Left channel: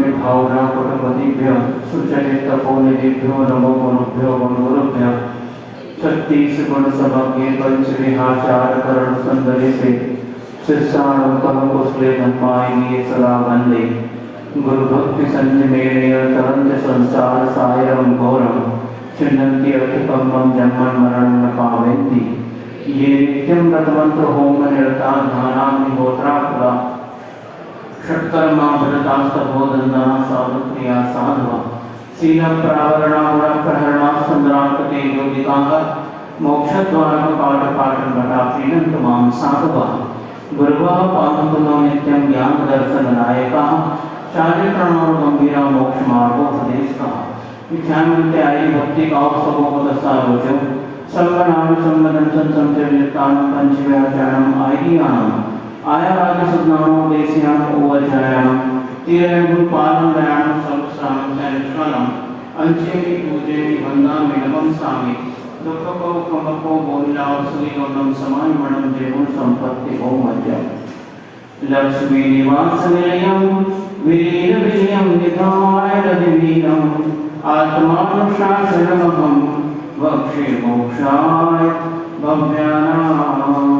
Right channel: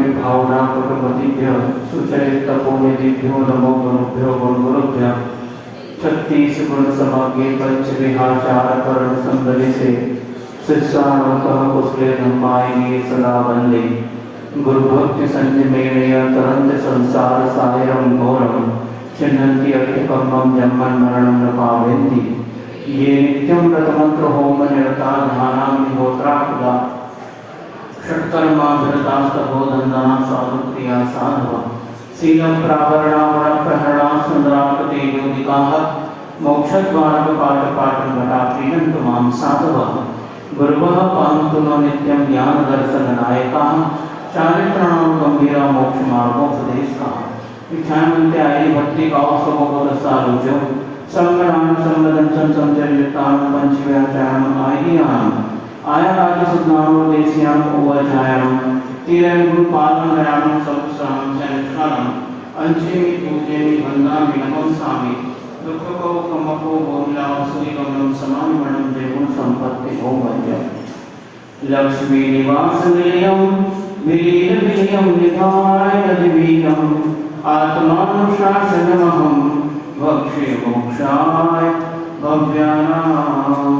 विभावना कुटुंबीभ्य सुचरित तपोनिधिभ्यो नमो गुरुभ्यो गुरुभ्यो 36 गुण समग्र पंच विहाचार करण संगति से शिष्याणोतः कुशले धम्मायिनी सदा वंदे गुरु भक्ति संजमेणय तरंत संसार सायरम घोरम चिन्हन्ति अतिपम्मं जन्मन् मरणं न पावयन्ति ये नित्यं व्रतमन्त्र होम निरता ध्यानां निहोत्राकुला षट्कर्मा भरतास्तभोधन्दाः साधुक्रिया साधवः शीलप्रावरणा गुणप्रहरणा संग्रामकतेजोदिकाः मोक्षद्वारकपाठपाठं घटापीडन्तु मां साधवः गुरवः पावन्तु नो नित्यं ज्ञानदर्शननायकाः चारित्राणां गम्भीरा मोक्षमार्गोपदेशकाः विख्यानवन्ते आयि भक्ति काव समोपदस्तारोचो संगणां संवदनं संचरितां पंचव्याचारम् आयियाम् आया सुज्ञानो देशियां ओवज्रायां तीरं गुरुपालं नयानं सबस्रामं चरित्राणं अंचेमि पूजेमि वन्दामि नमस्सामि दुःखको कमको बहुलाभ सुनिगमनं समायमणं जयं संपत्ति बहुमज्जं लक्ष्मी निवास निलयं विलीन विलयं निधाय रविवीनम् आत्मानुशासनमहं वक्षे मोक्षाय भव्यानाम्।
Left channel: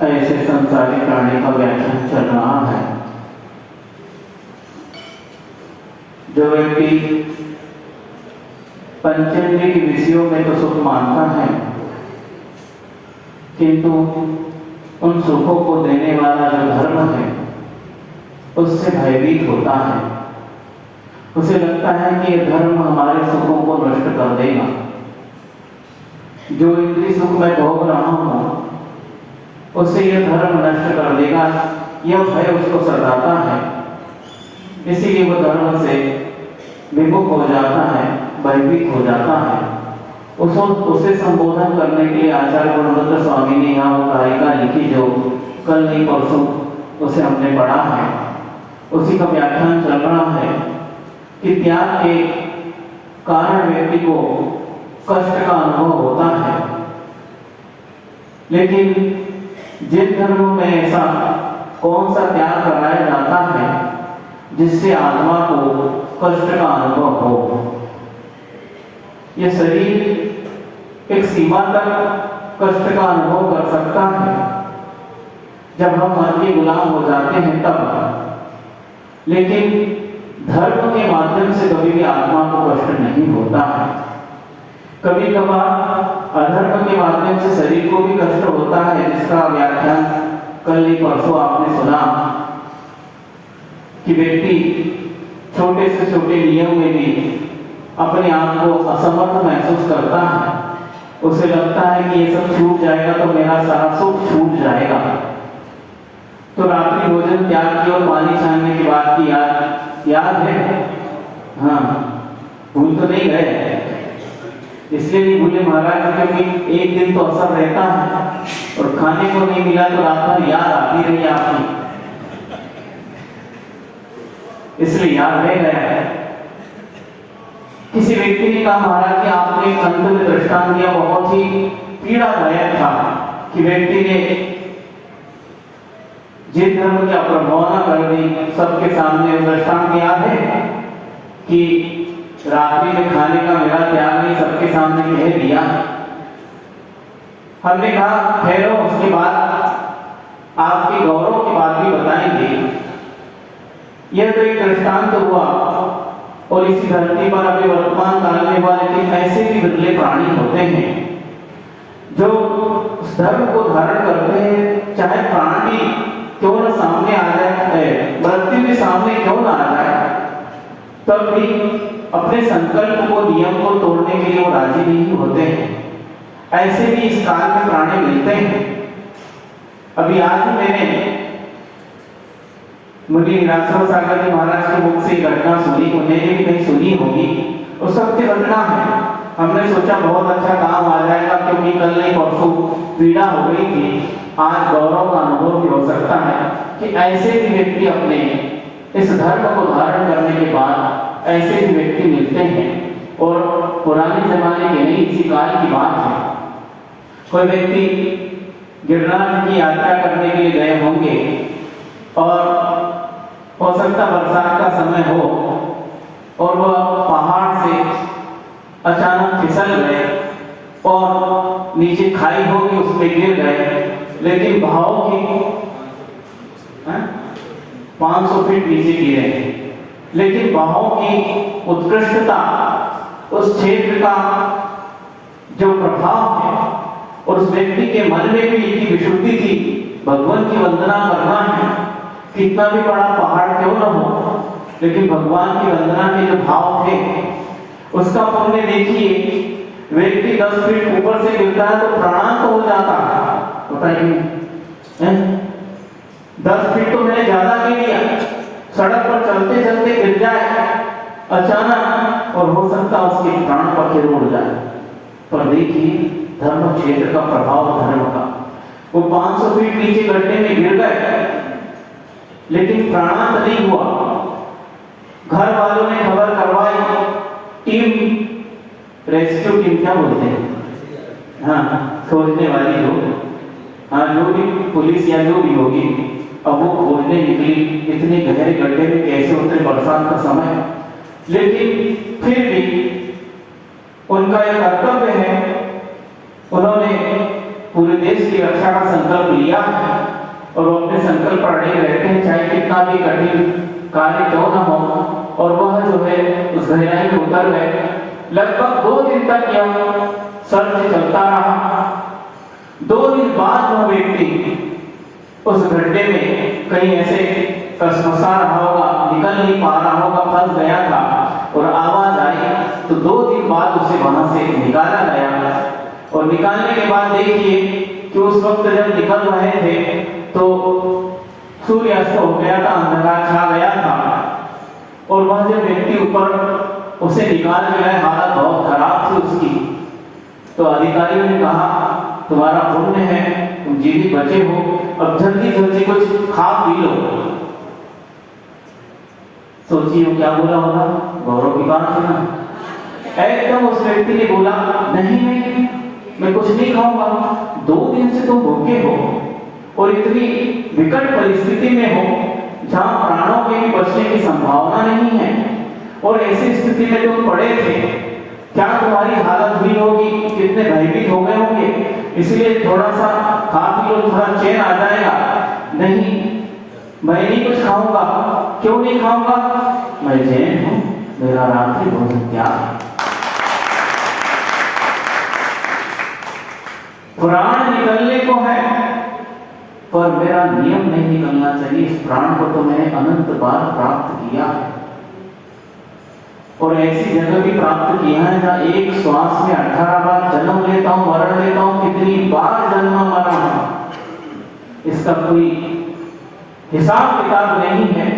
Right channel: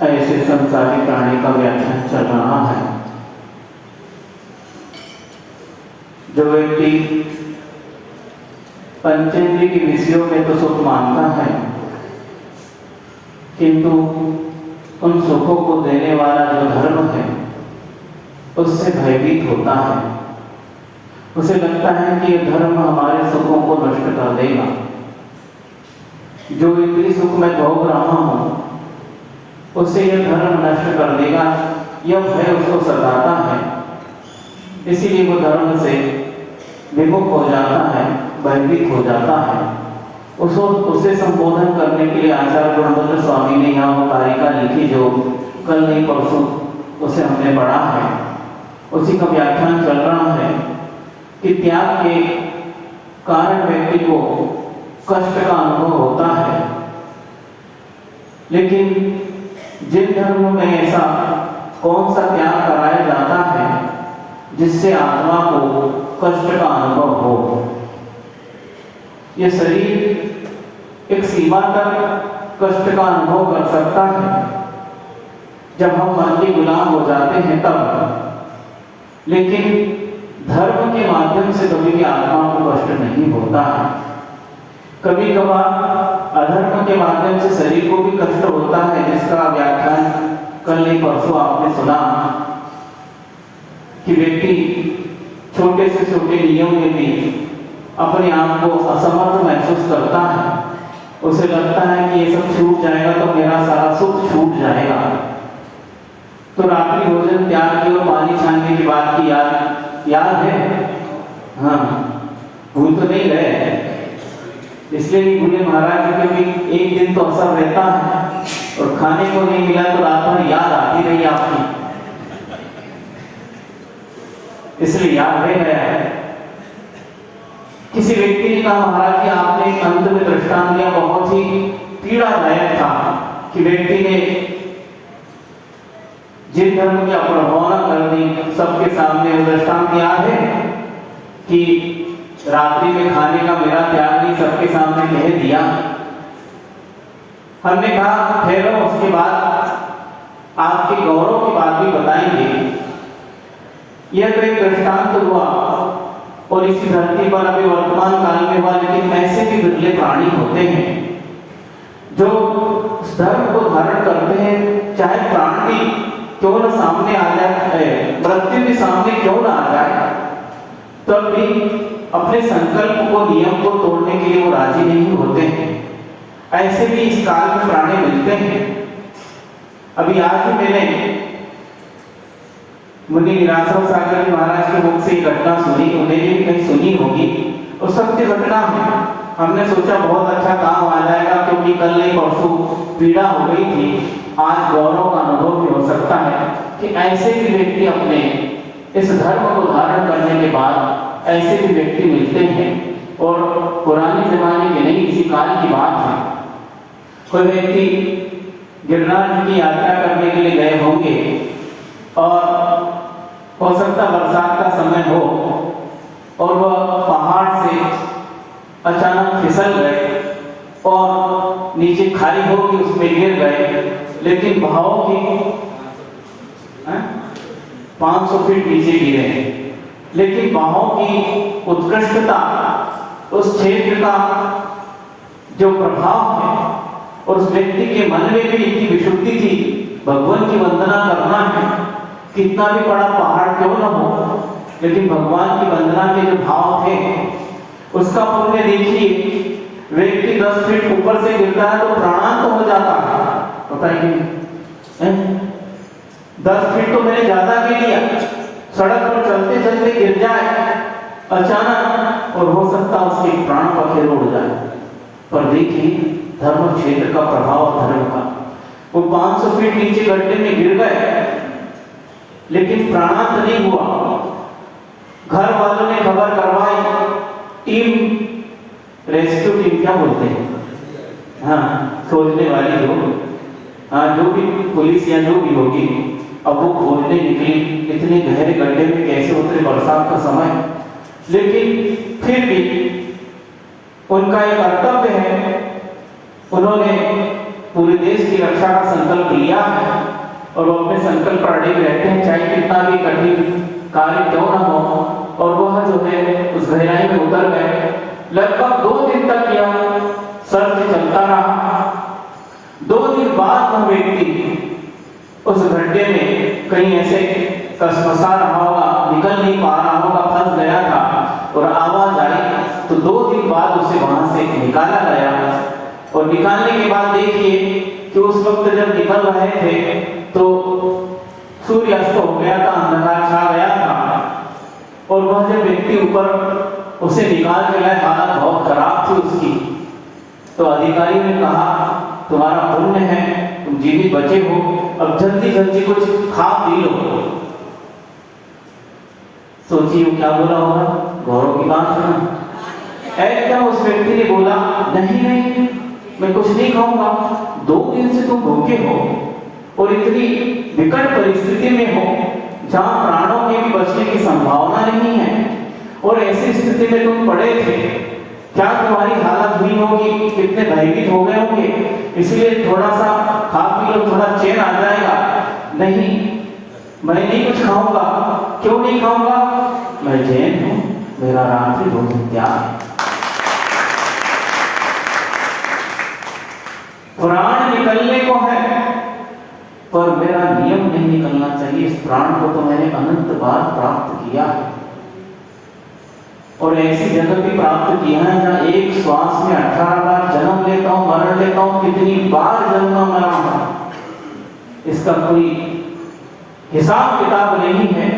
ऐसे संसारी प्राणी का व्याख्यान चल रहा है। जो व्यक्ति पंचेंद्रिय के विषयों में तो सुख मानता है, किंतु उन सुखों को देने वाला जो धर्म है उससे भयभीत होता है। उसे लगता है कि यह धर्म हमारे सुखों को नष्ट कर देगा। जो इंद्रिय सुख मैं भोग रहा हूं उससे यह धर्म नष्ट कर देगा, यह भय उसको सताता है। इसीलिए वो धर्म से विमुख हो जाता है, भयभीत हो जाता है। उसे संबोधन करने के लिए आचार्य गुणवंत स्वामी ने यहाँ वो कारिका लिखी जो कल नहीं परसों उसे हमने पढ़ा है। उसी का व्याख्यान चल रहा है कि त्याग के कारण व्यक्ति को कष्ट का अनुभव होता है, लेकिन जिन धर्मों में ऐसा कौन सा त्याग कराया जाता है जिससे आत्मा को कष्ट का अनुभव हो। यह शरीर एक सीमा तक कष्ट का अनुभव कर सकता है जब हम मन के गुलाम हो जाते हैं तब, लेकिन धर्म के माध्यम से कभी भी आत्मा को कष्ट नहीं होता है। कभी कभार अधर्म के माध्यम से शरीर को भी कष्ट होता है, जिसका व्याख्यान कल नहीं परसों आपने सुना कि व्यक्ति छोटे से छोटे नियम में भी अपने आप को असमर्थ महसूस करता है। उसे लगता है कि ये सब छूट जाएगा तो मेरा सारा सुख छूट जाएगा। तो रात्रि भोजन त्याग की और पानी छानने की बात की याद है? हाँ, भूल तो नहीं गए। इसलिए नहीं भूले महाराज जी, क्योंकि एक दिन तो असर रहता है और खाने को नहीं मिला तो रात में याद आती रही आपकी, इसलिए याद रह गया है। किसी व्यक्ति ने कहा महाराज जी आपने एक अंत में दृष्टांत दिया, बहुत ही पीड़ादायक था कि व्यक्ति ने जिन धर्म की अप्रभावना कर दी, सबके सामने दृष्टांत याद है कि रात्रि में खाने का मेरा त्याग नहीं सबके सामने कह दिया। हमने कहा ठहरो, उसके बाद आपके गौरव की बात भी बताएंगे। यह तो एक दृष्टांत हुआ और इसी धरती पर अभी वर्तमान काल में वाले ऐसे भी दुर्लभ प्राणी होते हैं जो धर्म को धारण करते हैं, चाहे प्राण भी क्यों न सामने आ जाए, मृत्यु भी सामने क्यों न आ जाए, तब भी अपने संकल्प को, नियम को तोड़ने के लिए वो राजी नहीं होते हैं। ऐसे भी इस काल में प्राणी मिलते हैं। अभी आज ही मैंने मुनि विरासर सागर जी महाराज के मुख से घटना सुनी, उन्हें भी कहीं सुनी होगी, तो सत्य घटना है। हमने सोचा बहुत अच्छा काम आ जाएगा, क्योंकि कल नहीं परसों पीड़ा हो गई थी, आज गौरव का अनुभव भी हो सकता है कि ऐसे भी व्यक्ति अपने इस धर्म को धारण करने के बाद ऐसे भी व्यक्ति मिलते हैं किसी काल की बात है। कोई व्यक्ति गिरनार की यात्रा करने के लिए गए होंगे और हो सकता बरसात का समय हो और वह पहाड़ से अचानक फिसल गए और नीचे खाई होगी, उसमें गिर गए, लेकिन बहाव की 500 फीट नीचे गिरे, लेकिन बहाव की उत्कृष्टता, उस क्षेत्र का जो प्रभाव है और उस व्यक्ति के मन में भी इतनी विशुद्धि थी, भगवान की वंदना करना है, कितना भी बड़ा पहाड़ क्यों न हो, लेकिन भगवान की वंदना के जो भाव थे उसका पुण्य देखिए। व्यक्ति 10 फीट ऊपर से गिरता है तो प्राणांत हो जाता है, पता है 10 फीट तो मैंने ज्यादा गिर लिया, सड़क पर चलते चलते गिर जाए अचानक और हो सकता उसके प्राण पखेरु उड़ जाए। पर देखिए धर्म क्षेत्र का प्रभाव, धर्म का, वो 500 फीट नीचे गड्ढे में गिर गए लेकिन प्राणांत नहीं हुआ। घर वालों ने खबर करवाई, टीम, रेस्क्यू टीम क्या बोलते हैं, हाँ खोजने वाली लोग, हाँ जो भी पुलिस या जो भी होगी, अब वो खोजने निकली। इतने गहरे गड्ढे में कैसे उतरे बरसात का समय, लेकिन फिर भी उनका एक कर्तव्य है, उन्होंने पूरे देश की रक्षा का संकल्प लिया है और वो अपने संकल्प पर अड़े रहते हैं, चाहे कितना भी कठिन कार्य क्यों न हो। और वह जो है उस गहराई में उतर गए। लगभग 2 दिन तक यह सर्च चलता रहा। 2 दिन बाद वह व्यक्ति उस गड्ढे में कहीं ऐसे फंसा रहा होगा, निकल नहीं पा रहा होगा, फंस गया था और आवाज आई तो 2 दिन बाद उसे वहां से निकाला गया। और निकालने के बाद देखिए कि उस वक्त जब निकल रहे थे तो सूर्यास्त हो गया था, अंधकार छा गया था और वह जो व्यक्ति ऊपर उसे निकाल के गए, हालत बहुत खराब थी उसकी। तो अधिकारियों ने कहा तुम्हारा पुण्य है, तुम जीवित बचे हो, अब जल्दी जल्दी कुछ खा पी लो। सोचिए वो क्या बोला होगा, गौरव की बात है ना। एकदम उस व्यक्ति ने बोला नहीं नहीं मैं कुछ नहीं खाऊंगा, 2 दिन से तुम भूखे हो और इतनी विकट परिस्थिति में हो जहां प्राणों के भी बचने की संभावना नहीं है और ऐसी स्थिति में तुम पड़े थे, क्या तुम्हारी हालत हुई होगी, कितने भयभीत हो गए होंगे, इसलिए थोड़ा सा खा पी लो, थोड़ा चैन आ जाएगा। नहीं मैं नहीं कुछ खाऊंगा। क्यों नहीं खाऊंगा, मैं जैन हूं, मेरा रात्रि भोजन त्याग है। प्राण निकलने को है पर मेरा नियम नहीं निकलना चाहिए। इस प्राण को तो मैंने अनंत बार प्राप्त किया है और ऐसी जगह भी प्राप्त किया है जहां एक श्वास में 18 बार जन्म लेता हूं, मरण लेता हूं, कितनी बार जन्म मरा हूं, इसका कोई हिसाब किताब नहीं है।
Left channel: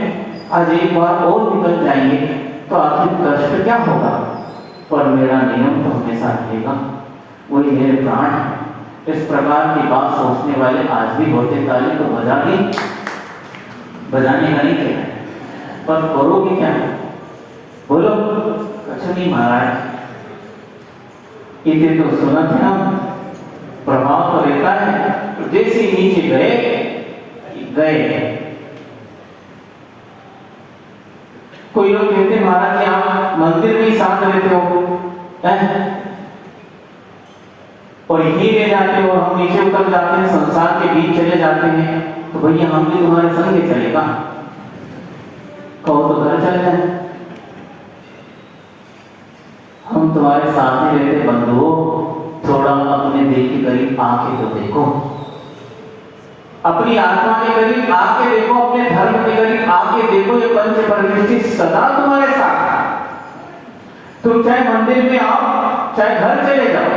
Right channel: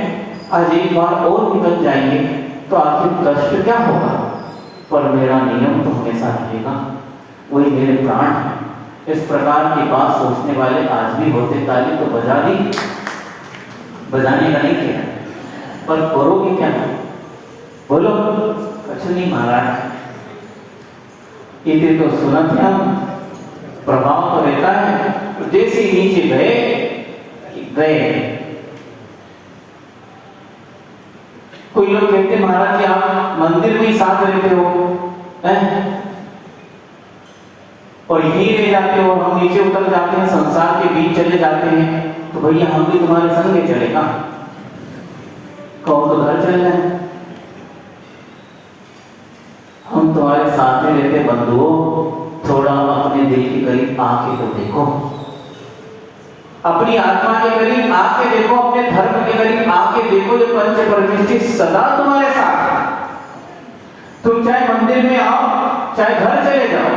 आज एक बार और निकल जाएंगे तो आखिर कष्ट क्या होगा, पर मेरा नियम तो हमेशा रहेगा, वही मेरे प्राण है। इस प्रकार की बात सोचने वाले आज भी होते, ताली तो बजा दी, बजाने का नहीं कहना, पर करोगे क्या, बोलो कुछ नहीं महाराज, इतने तो सुना थे हम, प्रभाव तो रहता है। जैसे नीचे गए कोई लोग कहते महाराज जी आप मंदिर में ही साथ रहते हो और यहीं रह जाते हो, हम नीचे उतर जाते हैं, संसार के बीच चले जाते हैं, तो भैया हम भी तुम्हारे संग में चलेगा, कहो तो घर चल जाए, हम तुम्हारे साथ में रहते बंधुओं, थोड़ा अपने दिल के करीब आके तो देखो, अपनी आत्मा के करीब आके देखो, अपने धर्म के करीब आके देखो, ये पंच परमेष्टि सदा तुम्हारे साथ है। तुम चाहे मंदिर में आओ, चाहे घर चले जाओ,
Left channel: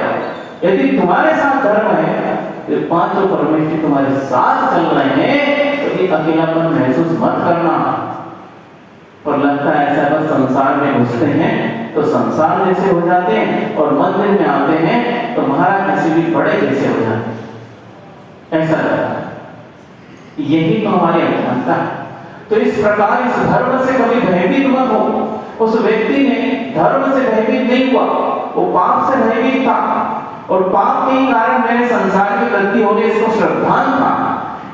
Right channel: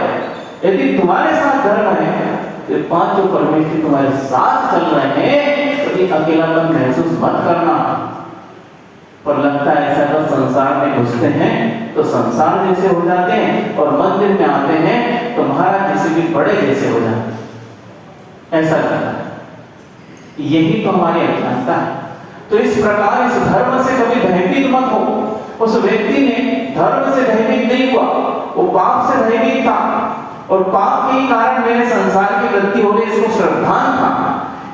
यदि तुम्हारे साथ धर्म है तो पांचों परमेष्टि तुम्हारे साथ चल रहे हैं, तो ये अकेलापन महसूस मत करना। पर लगता है ऐसा जब संसार में घुसते हैं तो संसार जैसे हो जाते हैं और मंदिर में आते हैं तो महाराज किसी भी बड़े जैसे हो जाते हैं, ऐसा लगता है। यही तो हमारी अज्ञानता है। तो इस प्रकार इस धर्म से कभी भयभीत मत हो। उस व्यक्ति ने धर्म से भयभीत नहीं हुआ, वो पाप से भयभीत था और पाप के ही कारण मेरे संसार की वृद्धि होने इसको श्रद्धान था,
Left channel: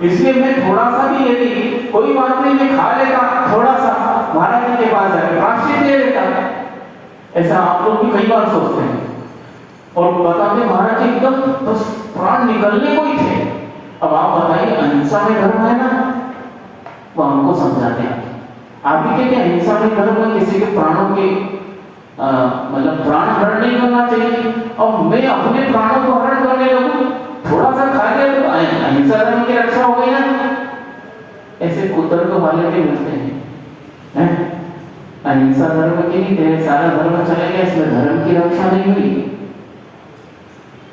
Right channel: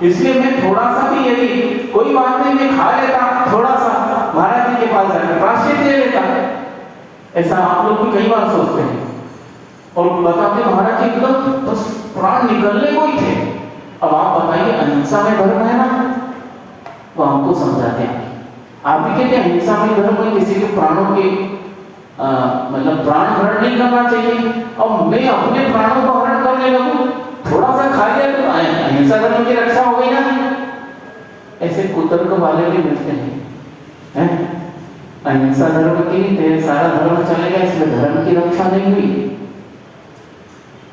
इसलिए मैं थोड़ा सा भी यदि कोई बात नहीं मैं खा लेता, थोड़ा सा महाराज जी के पास जाकर प्रायश्चित ले लेता। ऐसा आप लोग भी कई बार सोचते हैं और बताते महाराज जी एकदम बस प्राण निकलने को ही थे। अब आप बताइए अहिंसा में धर्म है ना, वो हमको समझाते हैं। आप भी कहते हैं अहिंसा में धर्म है, किसी के प्राणों के मतलब प्राण हरण नहीं करना चाहिए, और मैं अपने प्राणों को हरण करने लगूं, थोड़ा सा खा लिया तो अहिंसा धर्म की रक्षा हो गई ना। ऐसे कुतर्क वाले भी मिलते हैं, अहिंसा धर्म के लिए सारा धर्म चला गया, इसमें धर्म की रक्षा नहीं हुई।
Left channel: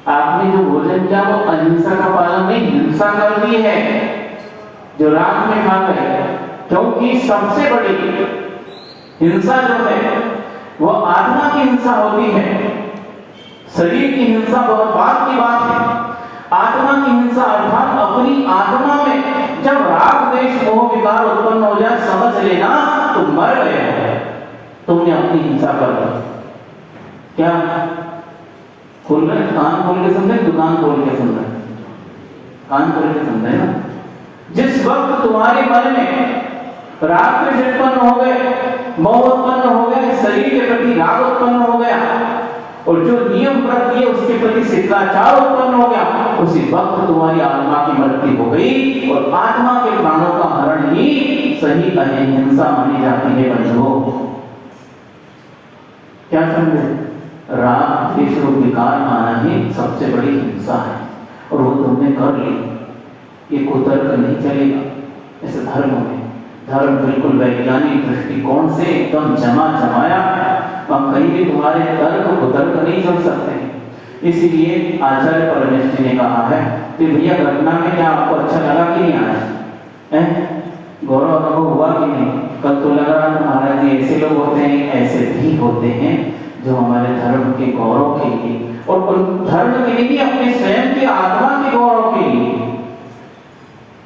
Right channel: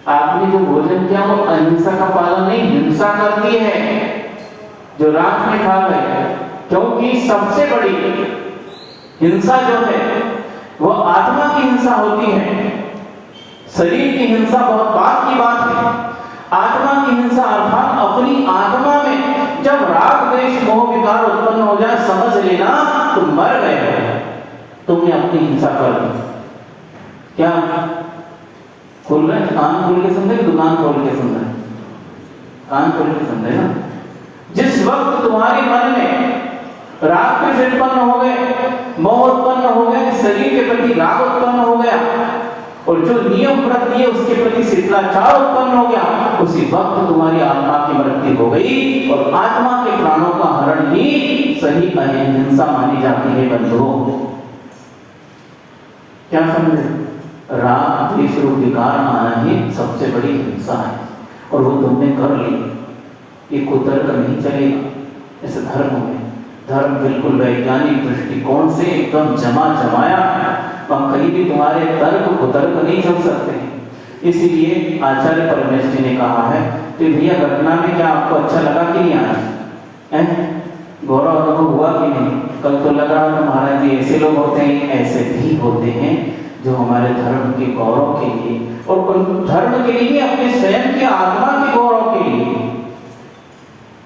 आपने जो भोजन किया वो अहिंसा का पालन नहीं, हिंसा कर दी है जो राख में खा गए, क्योंकि सबसे बड़ी हिंसा जो है वो आत्मा की हिंसा होती है। शरीर की हिंसा बहुत बात की बात है, आत्मा की हिंसा अर्थात अपनी आत्मा में जब राग द्वेष मोह विकार उत्पन्न हो जाए, समझ लेना तुम मर गए हो, तुमने अपनी हिंसा कर दी। क्या खोल में कान खोल के समझे, दुकान खोल के समझे, कान खोल के समझे ना। जिस वक्त तुम्हारे मन में राग द्वेष उत्पन्न हो गए, मोह उत्पन्न हो गए, शरीर के प्रति राग उत्पन्न हो गया और जो नियम प्रति है उसके प्रति शिष्टाचार उत्पन्न हो गया, उसी वक्त तुम्हारी आत्मा की मृत्यु हो गई और आत्मा के प्राणों का हरण ही सही अहिंसा मानी जाती है। बंधुओं क्या समझे, राग द्वेष और विकार आना ही सबसे बड़ी हिंसा है और वो तुमने कर ली, ये कुतर्क नहीं चलेगा। ऐसे धर्म बिल्कुल वैज्ञानिक दृष्टिकोण से एकदम जमाया, और कहीं भी तुम्हारे तर्क कुतर्क नहीं चल सकते। इसलिए आचार्य परमेष्ठी ने कहा है कि भैया घटना में क्या आपको अच्छा लगा कि नहीं आया, गौरव अनुभव हुआ कि नहीं? कल तो लग रहा था महाराज जी ऐसे लोग होते हैं, ऐसे भी होते हैं जो हमारे धर्म के गौरव के लिए और उन धर्म के लिए, अपने स्वयं के आत्मा के गौरव के लिए,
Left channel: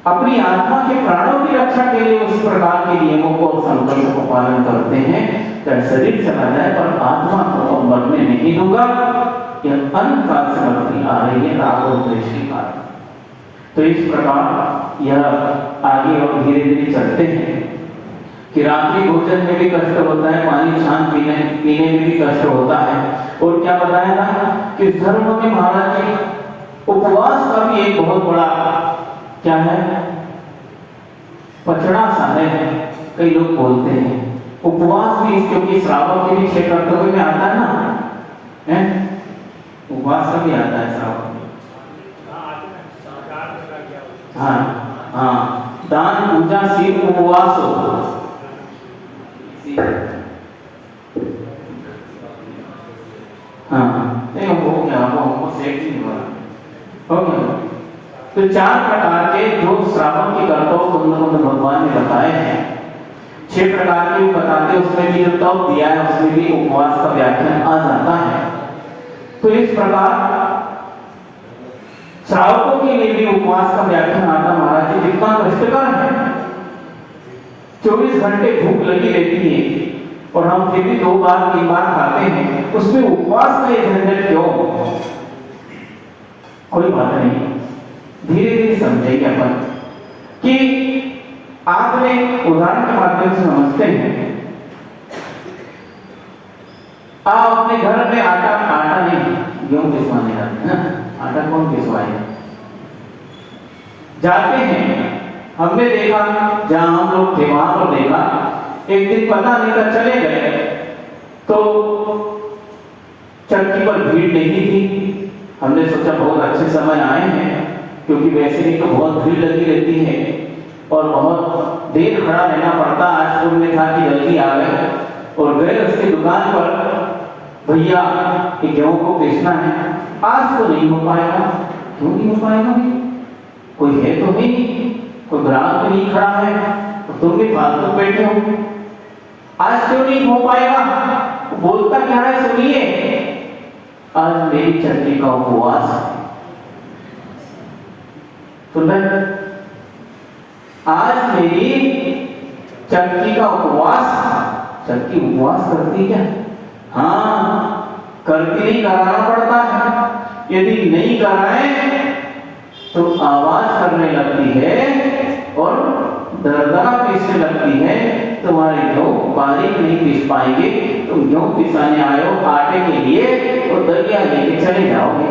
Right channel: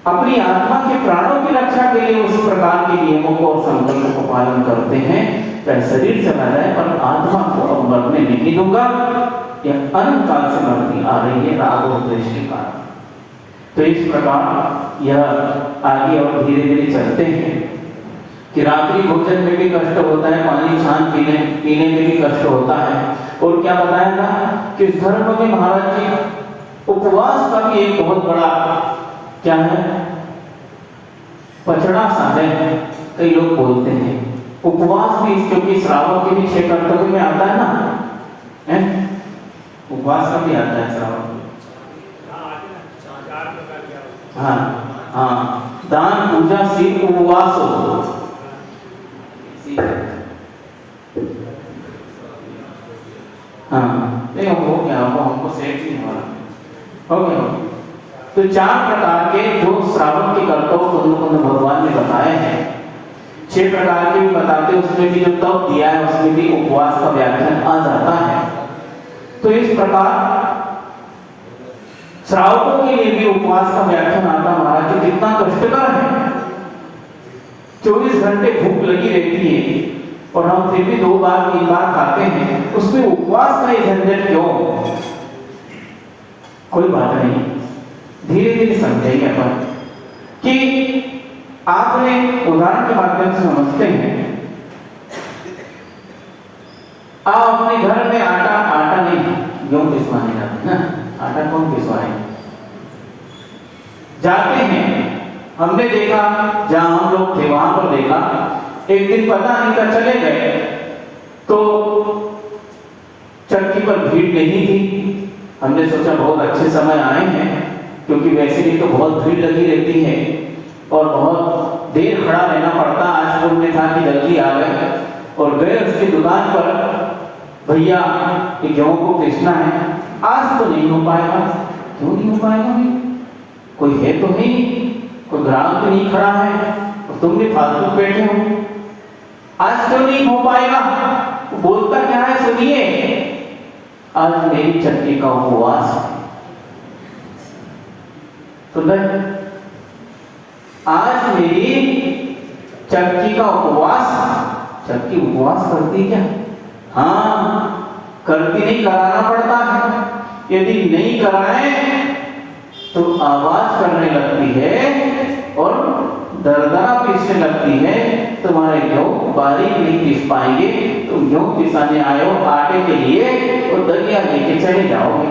अपनी आत्मा के प्राणों की रक्षा के लिए उस प्रकार के नियमों को और संकल्प को पालन करते हैं। चाहे शरीर चला जाए पर आत्मा को मरने नहीं दूंगा, यह अनंत काल से मरती आ रही है राग और द्वेष के कारण। तो इस प्रकार यह आगे और धीरे धीरे चलते हैं कि रात्रि भोजन में भी कष्ट होता है, पानी छान पीने में भी कष्ट होता है। और क्या बताया था कि धर्म में महाराज जी उपवास का भी एक बहुत बड़ा क्या है पचड़ा सा है, कई लोग बोलते हैं उपवास भी, क्योंकि श्रावण के भी 6 कर्तव्य में आता है ना, उपवास का भी आता है श्रावण। हाँ, दान पूजा शिव उपवास हो, नहीं हो गया, हमको सेट नहीं हो गया। तो 4 प्रकार के जो श्रावण के कर्तव्य भगवान ने बताए हैं, 6 प्रकार के भी बताते, उसमें भी जो तप दिया है उसमें भी उपवास का व्याख्यान आ जाता है। तो इस प्रकार श्रावकों के लिए भी उपवास का व्याख्यान आता महाराज जी, कितना कष्टकर है। 24 घंटे भूख लगी रहती है और हम फिर भी 2 बार 3 बार खाते हैं, उसमें उपवास का ये झंझट क्यों? कोई बात नहीं, धीरे धीरे समझेंगे अपन कि आपने उदाहरण के माध्यम से समझते हैं। आप अपने घर में आटा नहीं, गेहूं पिसवाने जाते हैं ना, आटा कौन पिसवाएगा? जाते हैं, हमने देखा जहां हम लोग थे वहां पर देखा, एक दिन पता नहीं था चले गए तो चक्की पर भीड़ नहीं थी। हमने सोचा बहुत अच्छे समय आए हैं, क्योंकि वैसे ही तो बहुत भीड़ लगी रहती है और बहुत देर खड़ा रहना पड़ता। आज तो में था कि जल्दी आ गए और गए उसकी दुकान पर, भैया ये गेहूं को बेचना है, आज तो नहीं हो पाएगा। क्यों नहीं हो पाएगा? कोई है तो नहीं, कोई ग्राहक तो नहीं खड़ा है और तुम भी फालतू बैठे हो, आज क्यों नहीं हो पाएगा? बोलता क्या है सुनिए, आज मेरी चक्की का उपवास है। तो आज मेरी चक्की का उपवास, चक्की उपवास करती क्या? हाँ, करती नहीं, कराना पड़ता है। यदि नहीं कराएं तो आवाज करने लगती है और दरदरा पीसने लगती है। तुम्हारे गेहूं बारीक नहीं पीस पाएंगे, तुम गेहूं पिसाने आए हो आटे के लिए तो दलिया लेके चले जाओगे,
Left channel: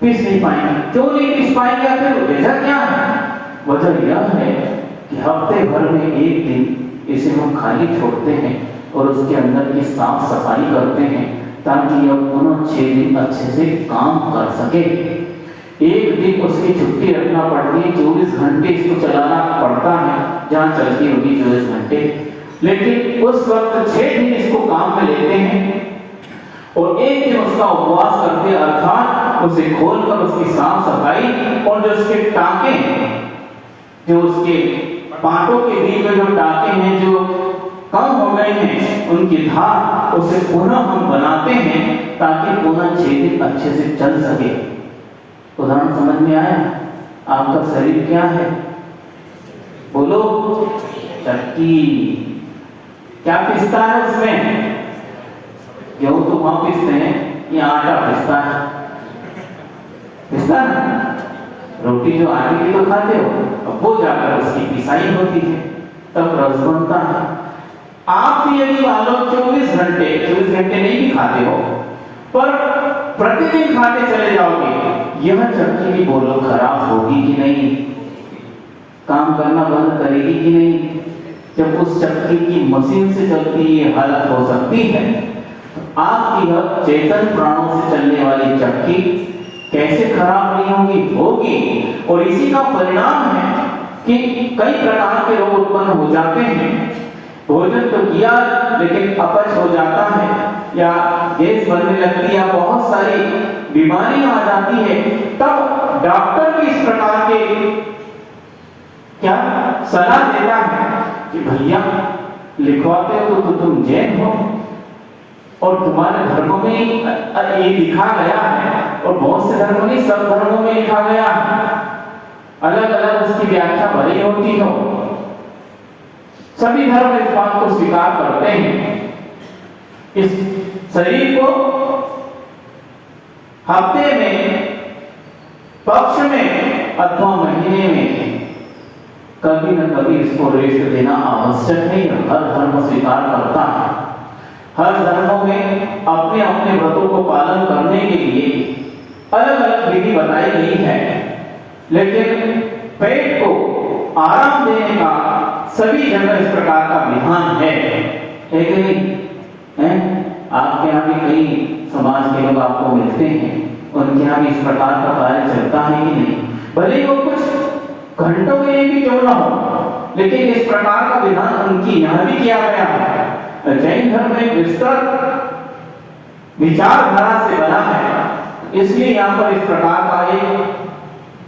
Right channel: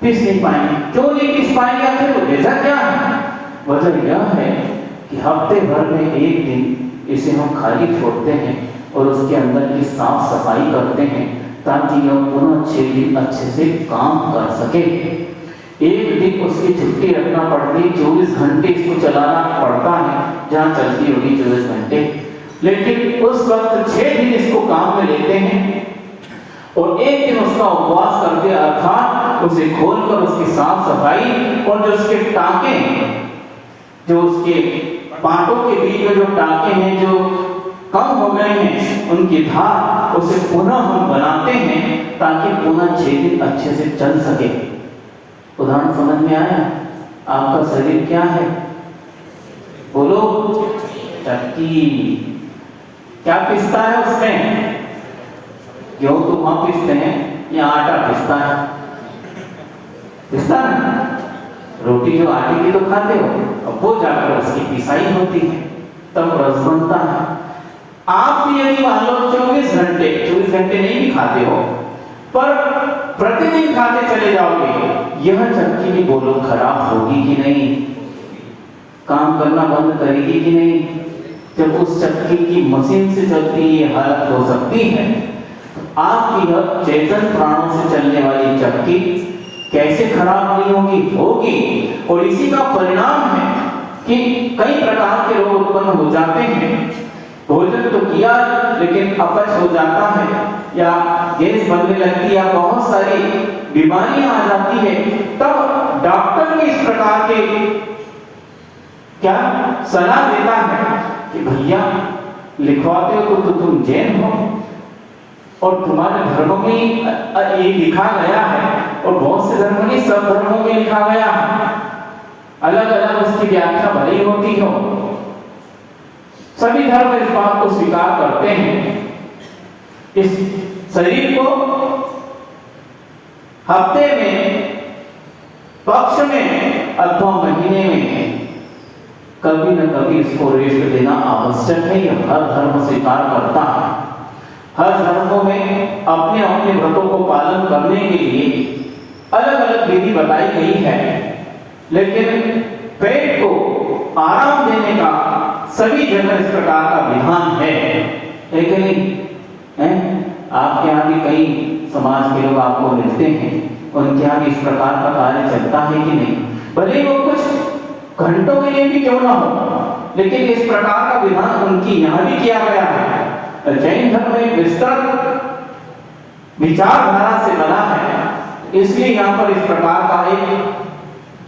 पीस नहीं पाएंगे। क्यों नहीं पीस पाएंगे? आखिर वजह क्या है? वजह यह है कि हफ्ते भर में एक दिन इसे हम खाली छोड़ते हैं और उसके अंदर की साफ सफाई करते हैं ताकि यह पुनः 6 दिन अच्छे से काम कर सके। एक दिन उसकी छुट्टी रखना पड़ती है, 24 घंटे इसको चलाना पड़ता है जहाँ चलती होगी 24 घंटे, लेकिन उस वक्त 6 दिन इसको काम में लेते हैं और एक दिन उसका उपवास करते, अर्थात उसे खोलकर उसकी साफ सफाई और जो उसके टाके हैं, जो उसके पांटों के बीच में जो टाके हैं जो कम हो गए हैं, उनकी धार उसे पुनः हम बनाते हैं ताकि पुनः 6 दिन अच्छे से चल सके। उदाहरण समझ में आया? आपका शरीर क्या है? बोलो। चक्की। क्या पिसता है उसमें? गेहूं तो वहां पिसते हैं, या आटा पिसता है? पिसता है। रोटी जो आटे की तो खाते हो, अब वो जाकर उसकी पिसाई होती है, तब रस बनता है। आप भी यदि मान लो 24 घंटे नहीं भी खाते हो, पर प्रतिदिन खाते चले जाओगे, यह चक्की भी बोलो खराब होगी कि नहीं? काम करना बंद करेगी कि नहीं? जब उस चक्की की मशीन से चलती ये हालत हो सकती है, तो आपकी यह चेतन प्राणों से चलने वाली चक्की कैसे खराब नहीं होगी? होगी। और इसी का परिणाम है कि कई प्रकार के रोग उत्पन्न हो जाते हैं। भोजन तो किया लेकिन अपच हो जाता है, या गैस बनने लगती है, या बहुत सारी बीमारियां आ जाती है। तब डॉक्टर भी इस प्रकार के क्या सलाह देता है कि भैया लिखवाते हो तो तुम जैन हो और तुम्हारे धर्मों में ये लिखा गया है, और बहुत से धर्मों में, सब धर्मों में लिखा गया है, अलग अलग उसकी व्याख्या भरी होती हो। सभी धर्म इस बात को स्वीकार करते हैं। इस शरीर को हफ्ते में, पक्ष में अथवा महीने में कभी न कभी इसको रेस्ट देना आवश्यक है। हर धर्म स्वीकार करता है। हर धर्मों में अपने अपने व्रतों को पालन करने के लिए अलग अलग विधि बताई गई है, लेकिन पेट को आराम देने का सभी जगह इस प्रकार का विधान है कि नहीं है? आपके यहाँ भी कई समाज के लोग आपको मिलते हैं, उनके यहाँ भी इस प्रकार का कार्य चलता है कि नहीं? भले वो कुछ घंटों के लिए भी क्यों ना हो, लेकिन इस प्रकार का विधान उनकी यहाँ भी किया गया है। जैन धर्म एक विस्तृत विचारधारा से बना है, इसलिए यहाँ पर इस प्रकार का एक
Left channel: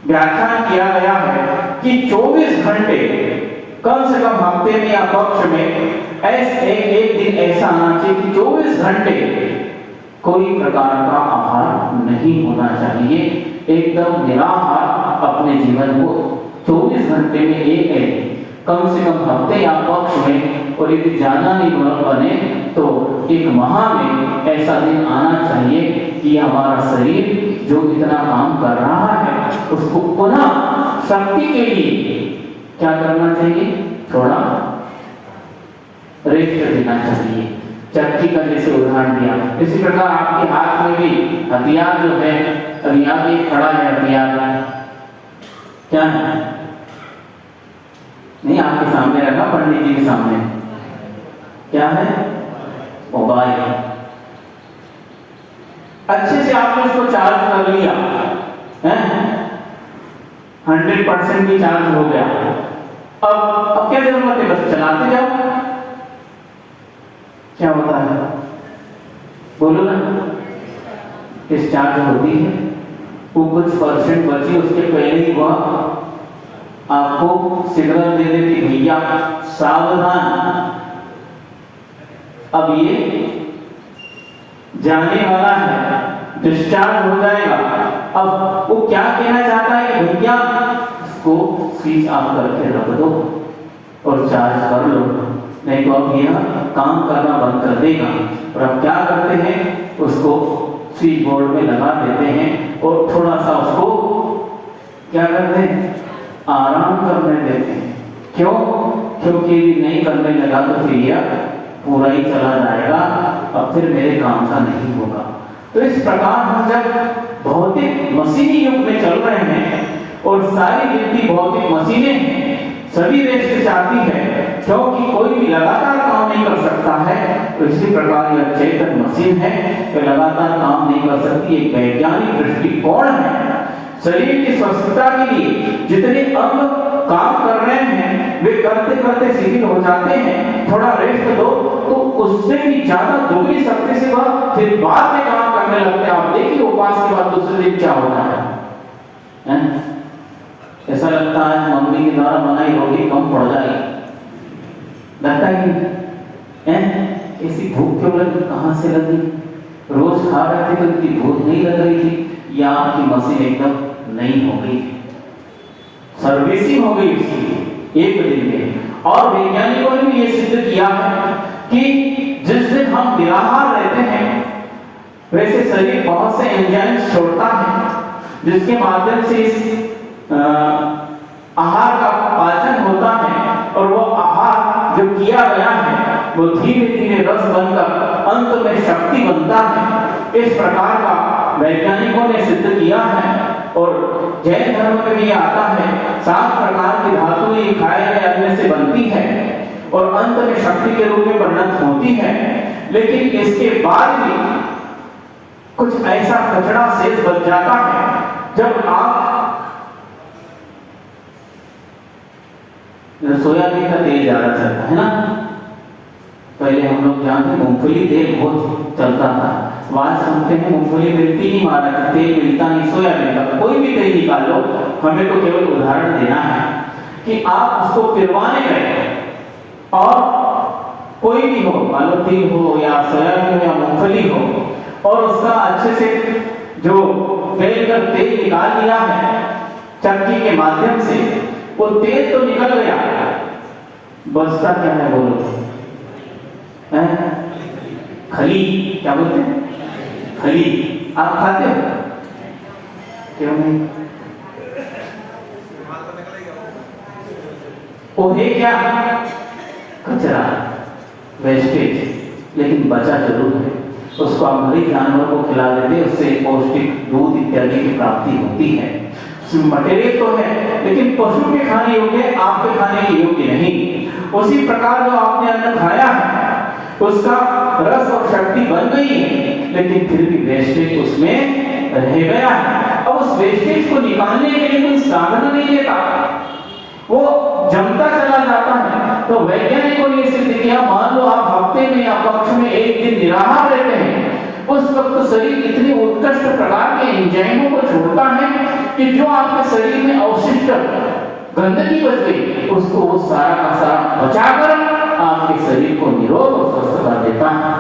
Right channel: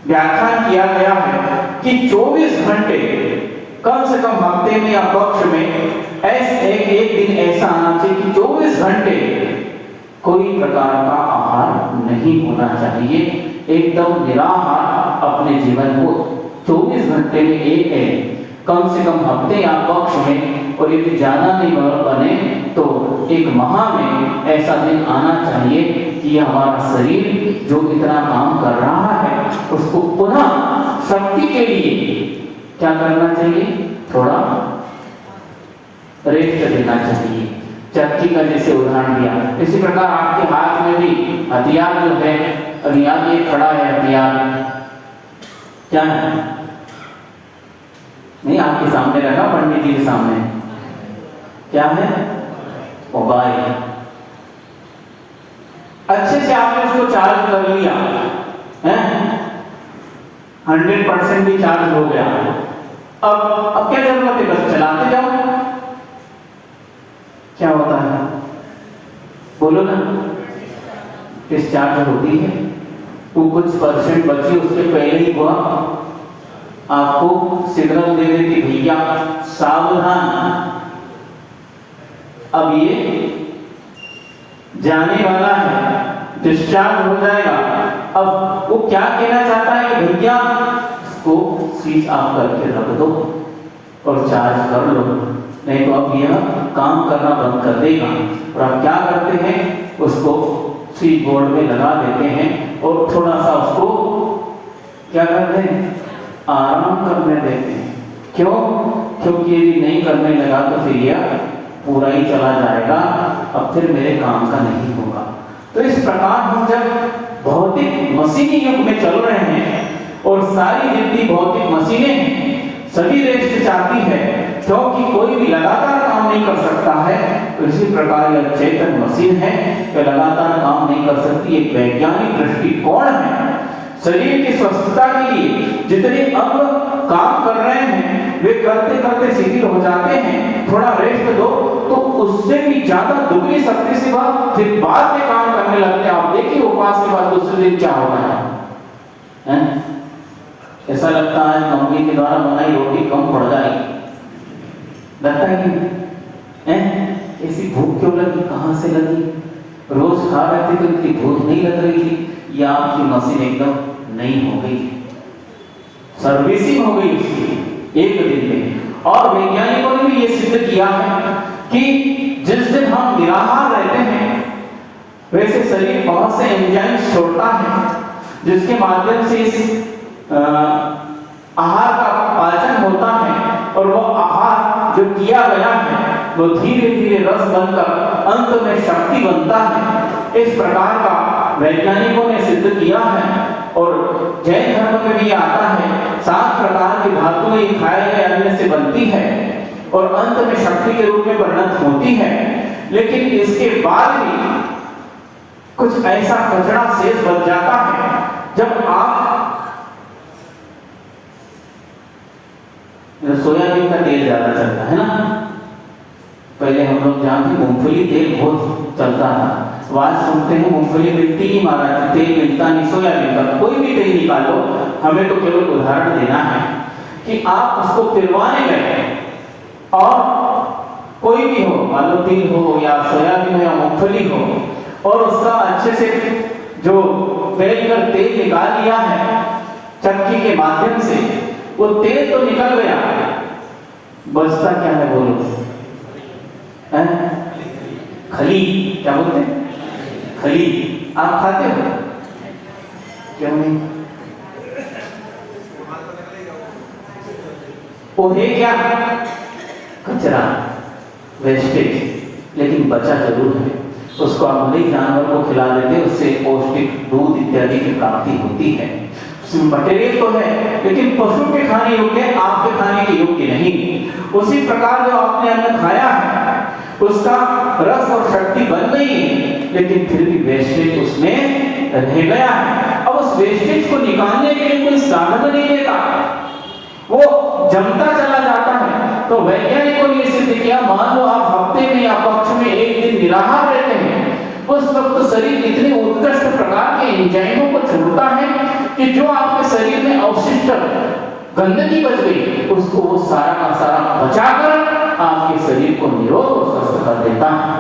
व्याख्यान किया गया है कि 24 घंटे कम से कम हफ्ते में या पक्ष में ऐसे एक दिन ऐसा आना चाहिए कि 24 घंटे कोई प्रकार का आहार नहीं होना चाहिए। एकदम निराहार अपने जीवन को 24 घंटे में एक कम से कम हफ्ते या पक्ष में, और यदि जाना नहीं बने तो 1 माह में ऐसा दिन आना चाहिए कि हमारा शरीर जो इतना काम कर रहा है उसको पुनः शक्ति के लिए क्या करना चाहिए? थोड़ा रेस्ट देना चाहिए। चक्की का जैसे उदाहरण दिया, इसी प्रकार आपके हाथ में भी हथियार जो है, अभी यहाँ ये खड़ा है हथियार, क्या है? नहीं, आपके सामने रखा, पंडित जी के सामने, क्या है? मोबाइल। अच्छे से आपने उसको चार्ज कर लिया है, 100% भी चार्ज हो गया। अब क्या जरूरत है? बस चलाते जाओ। क्या होता है? बोलो ना। डिस्चार्ज होती है, वो कुछ परसेंट बची, उसके पहले ही वह आपको सिग्नल दे देती, भैया सावधान, अब ये जाने वाला है, डिस्चार्ज हो जाएगा। अब वो क्या कहना चाहता है कि भैया इसको स्विच ऑफ करके रख दो और चार्ज कर लो, नहीं तो अब यह काम करना बंद कर देगा। और अब क्या स्विच बोर्ड में लगा देते हैं और थोड़ा सा उसको क्या करते हैं, आराम करने देते हैं। क्यों? क्योंकि यदि नहीं करने लगा तो फिर यह पूरा ही चला जाएगा, अब फिर मेरे काम का नहीं होगा। तो इस प्रकार हम जब भौतिक मशीनी युग में चल रहे हैं और सारी जितनी भौतिक मशीनें सभी रेस्ट चाहती है, क्योंकि कोई भी लगातार काम नहीं कर सकता है, तो इसी प्रकार यह चेतन मशीन है कि लगातार काम नहीं कर सकती। एक वैज्ञानिक दृष्टिकोण है। शरीर की स्वस्थता के लिए जितने अंग काम कर रहे हैं वे करते करते शिथिल हो जाते हैं, थोड़ा रेस्ट दो तो उससे भी ज्यादा दुगनी शक्ति से वह फिर बाद में काम करने लगते हैं। आप देखिए उपवास के बाद दूसरे दिन क्या होता है? ऐसा लगता है मम्मी के द्वारा बनाई रोटी कम पड़ जाएगी, लगता है कि ऐसी भूख क्यों लगी, कहां से लगी? रोज खा रहे थे तो उनकी भूख नहीं लग रही थी, या आपकी मशीन एकदम नहीं हो गई, सर्विसिंग हो गई उसकी एक दिन में। और वैज्ञानिकों ने भी ये सिद्ध किया है कि जिस दिन हम निराहार रहते हैं वैसे शरीर बहुत से एंजाइम्स छोड़ता है, जिसके माध्यम से इस आहार का पाचन होता है, और वो आहार जो किया गया है वो धीरे धीरे रस बनकर अंत में शक्ति बनता है। इस प्रकार का वैज्ञानिकों ने सिद्ध किया है। और जैन धर्म में भी आता है 7 प्रकार की धातुएं खाए गए अन्न से बनती है और अंत में शक्ति के रूप में परिणत होती है। लेकिन इसके बाद भी कुछ ऐसा कचरा शेष बच जाता है। जब आप सोयाबीन का तेल ज्यादा चलता है ना, पहले हम लोग जानते मूंगफली तेल बहुत चलता था, बात सुनते हैं मूंगफली मिलती ही महाराज, तेल मिलता नहीं सोयाबीन का। कोई भी तेल निकालो, हमें तो केवल उदाहरण देना है कि आप उसको पिलवाने गए और कोई भी हो, मान लो तिल हो या सोयाबीन हो या मूंगफली हो, और उसका अच्छे से जो बेलकर तेल निकाल लिया है चक्की के माध्यम से, वो तेल तो निकल गया, बचता क्या है बोलो? खली, क्या बोलते हैं? खली। आप खाते हो? क्यों नहीं? वो है क्या? कचरा, वेस्टेज, लेकिन बचा जरूर है। उसको आप मरीज जानवर को खिला देते, उससे पौष्टिक दूध इत्यादि की प्राप्ति होती है। मटेरियल तो है, लेकिन पशु के खाने योग्य, आपके खाने के योग्य नहीं। उसी प्रकार जो आपने अन्न खाया है उसका रस और शक्ति बन गई है, लेकिन फिर भी वेस्टेज उसमें रह गया है। अब उस वेस्टेज को निकालने के लिए कोई साधन नहीं देता, वो जमता चला जाता है। तो वैज्ञानिकों ने सिद्ध किया, मान लो आप हफ्ते में या पक्ष में एक दिन निराहार रहते हैं, उस वक्त शरीर इतने उत्कृष्ट प्रकार के एंजाइमों को छोड़ता है कि जो आपके शरीर में अवशिष्ट गंदगी बच गई उसको वो सारा का सारा बचाकर आपके शरीर को निरोग और स्वस्थ कर देता है।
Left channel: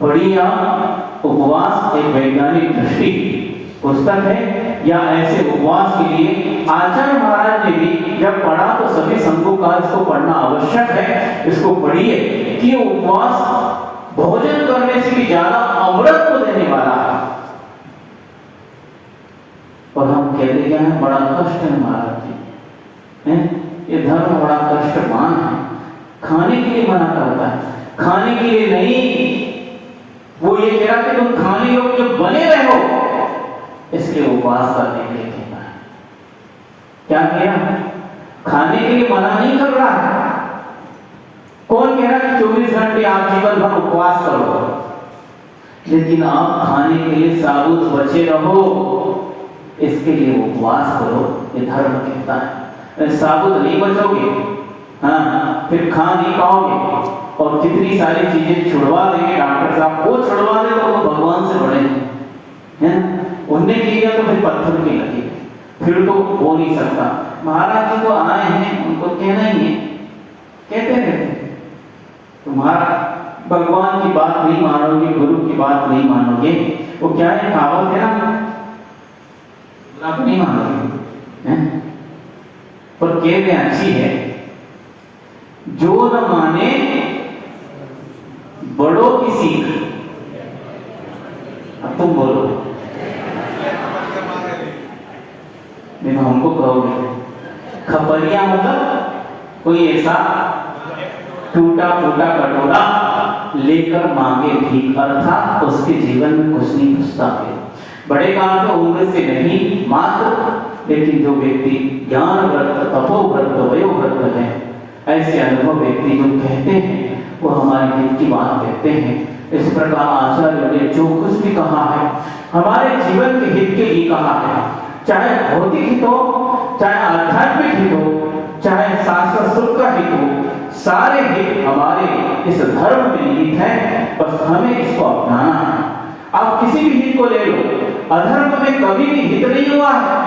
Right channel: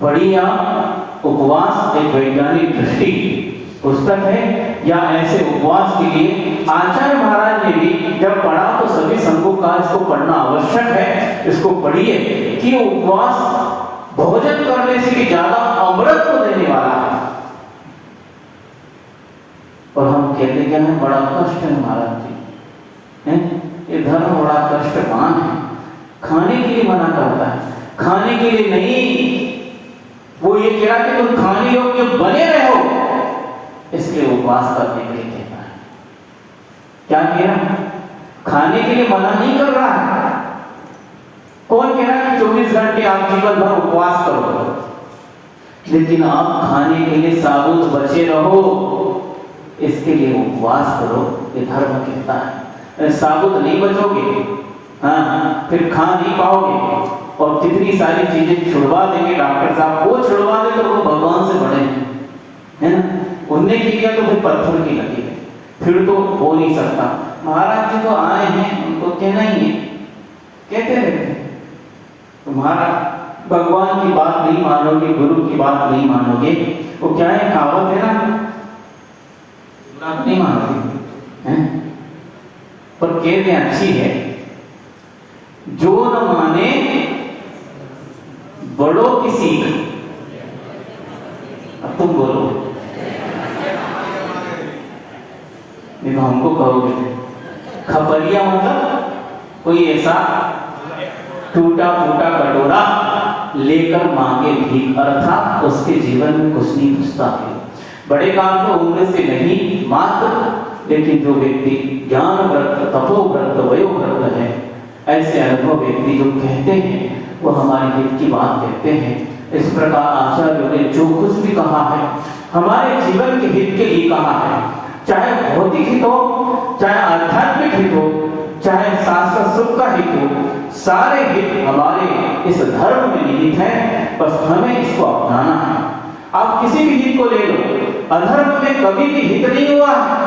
बढ़िया उपवास एक वैज्ञानिक दृष्टि पुस्तक है, या ऐसे उपवास के लिए आचार्य महाराज ने भी जब पढ़ा तो सभी संघों का इसको पढ़ना आवश्यक है। इसको पढ़िए कि उपवास भोजन करने से भी ज्यादा अमृत को देने वाला है। और हम कहते क्या है, बड़ा कष्ट है महाराज जी, ये धर्म बड़ा कष्टवान है, खाने के लिए मना करता है, खाने के लिए नहीं। वो ये कह रहा कि तुम खाने योग्य बने रहो, इसलिए उपवास करने के लिए कहता है। क्या कह रहा? खाने के लिए मना नहीं कर रहा है। कौन कह रहा कि 24 घंटे आप जीवन भर उपवास करो, लेकिन आप खाने के लिए साबुत बचे रहो, इसके लिए उपवास करो, ये धर्म कहता है। साबुत नहीं बचोगे, हाँ, फिर खा नहीं पाओगे, और कितनी सारी चीजें छुड़वा देंगे डॉक्टर साहब, वो छुड़वा दे तो वो भगवान से बड़े हैं, उनने किया तो फिर पत्थर की लगी, फिर तो हो नहीं सकता। महाराज जी तो आए हैं, उनको कहना ही है, कहते रहते तुम्हारा भगवान की बात नहीं मानोगे, गुरु की बात नहीं मानोगे, वो क्या है कहावत है ना, आप नहीं मानोगे हैं? पर कहते अच्छी है, जो न माने बड़ों की सीख, तुम बोलो, नहीं तो हमको कहोगे। खपरिया मतलब कोई ऐसा टूटा फूटा कटोरा लेकर मांगे भीख, अर्थात उसके जीवन में कुछ नहीं घुसता है। बड़े काम तो उम्र से नहीं मात्र, लेकिन जो व्यक्ति ज्ञान व्रत, तपोव्रत, वयोव्रत है, ऐसे अनुभव व्यक्ति जो कहते हैं वो हमारे हित की बात कहते हैं। इस प्रकार आचार्यों ने जो कुछ भी कहा है हमारे जीवन के हित के लिए कहा है, चाहे भौतिक हित हो, चाहे आध्यात्मिक हित हो, चाहे शास्त्र सुख का हित हो, सारे हित हमारे इस धर्म में निहित है, बस हमें इसको अपनाना है। आप किसी भी हित को ले लो, अधर्म में कभी भी हित नहीं हुआ है।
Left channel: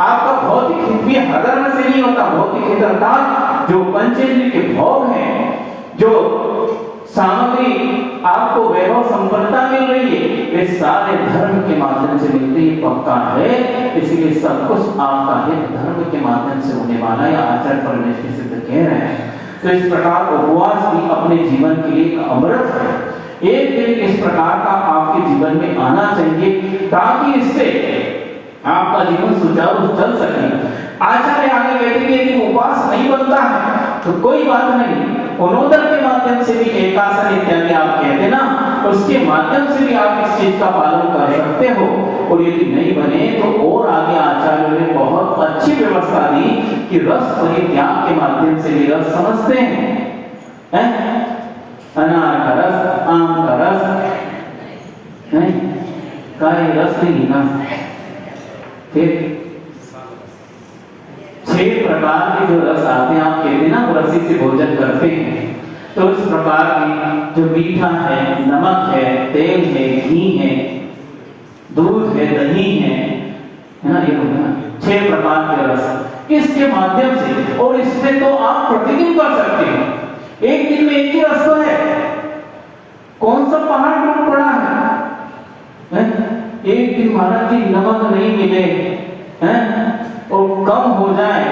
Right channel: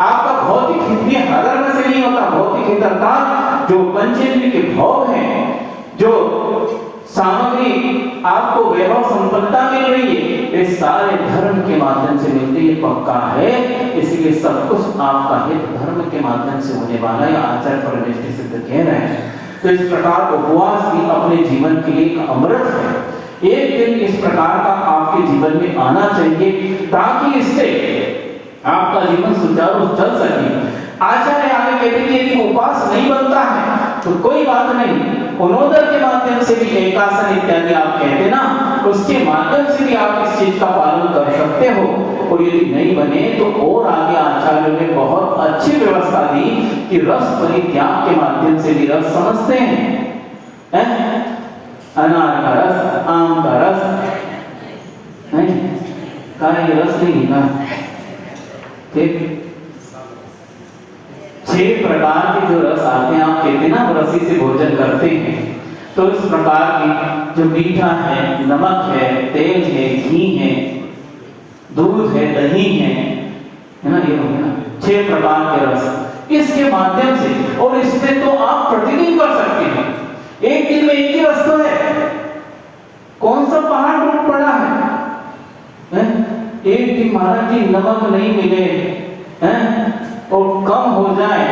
आपका भौतिक हित भी अधर्म से नहीं होता। भौतिक हित अर्थात जो पंचेंद्रिय के भोग हैं, जो सामग्री आपको वैभव संपन्नता मिल रही है, वे सारे धर्म के माध्यम से मिलती है, पक्का है। इसलिए सब कुछ आपका हित धर्म के माध्यम से होने वाला है, आचार्य परमेष्टि सिद्ध कह रहे हैं। तो इस प्रकार उपवास भी अपने जीवन के लिए अमृत है। एक दिन इस प्रकार का आपके जीवन में आना चाहिए ताकि इससे आपका जीवन सुचारू चल सके। आचार्य आगे कहते हैं कि उपवास नहीं बनता है तो कोई बात नहीं, पुनोदर के माध्यम से भी, एकासन इत्यादि आप कहते ना, उसके माध्यम से भी आप इस चीज का पालन कर सकते हो। और यदि नहीं बने तो और आगे आचार्य ने बहुत अच्छी व्यवस्था दी कि रस परित्याग के माध्यम से भी रस समझते हैं, अनार का रस, आम का रस नहीं, काई रस नहीं ना, ठीक। 6 प्रकार के जो रस आते हैं, आप कहते हैं ना रसी से भोजन करते हैं, तो इस प्रकार की जो मीठा है, नमक है, तेल है, घी है, दूध है, दही है ना, ये हो गया 6 प्रकार के रस। इसके माध्यम से, और इसमें तो आप प्रतिदिन कर सकते हैं। एक दिन में एक ही रस तो है, कौन सा पहाड़ टूट पड़ा है? एक दिन माना कि नमक नहीं मिले हैं और कम हो जाए,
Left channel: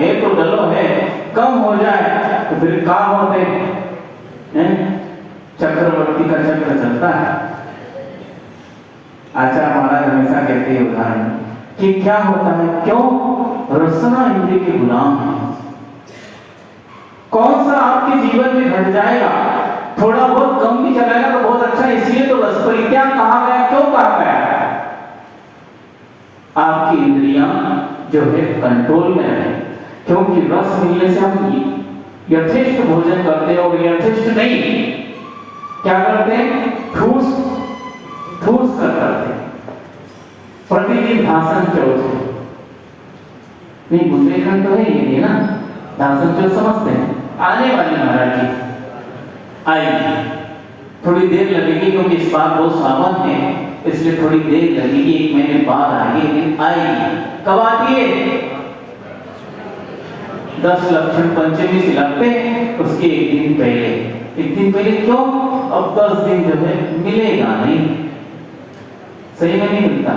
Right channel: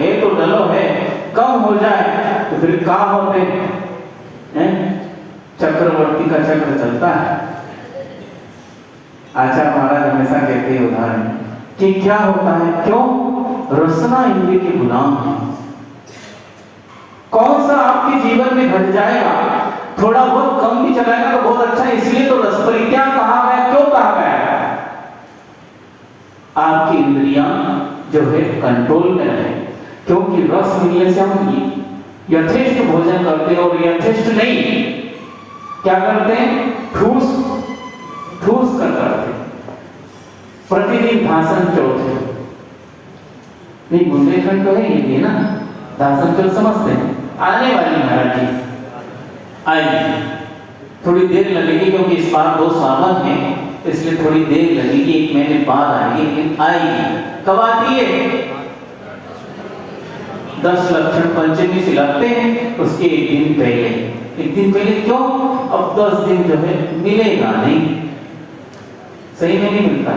एक तो डलो है, कम हो जाए तो फिर क्या होते हैं? चक्रवर्ती का चक्र चलता है। आचार्य महाराज हमेशा कहते हैं उदाहरण कि क्या होता है, क्यों रसना इंद्रिय के गुलाम है। कौन सा आपके जीवन में घट जाएगा, थोड़ा बहुत कम भी चलाएगा तो बहुत अच्छा, इसलिए तो रस परित्याग कहा गया। क्यों कहा गया? आपकी इंद्रियां जो है कंट्रोल में रहे, क्योंकि रस मिलने से हम यथेष्ट भोजन करते हैं, और यथेष्ट नहीं क्या करते हैं, ठूस कर करते हैं। प्रतिदिन भाषण चौथ नहीं, बुंदेलखंड तो है ये ना, भाषण चौथ समझते हैं। आने वाली महाराज जी आएगी, थोड़ी देर लगेगी क्योंकि इस बार 2 सावन है, इसलिए थोड़ी देर लगेगी, 1 महीने बाद आएगी, लेकिन आएगी। कब आती है? 10 लक्षण पंचमी से लगते हैं, उसके 1 दिन पहले। 1 दिन पहले क्यों? अब 10 दिन जो है मिलेगा नहीं, सही में नहीं मिलता।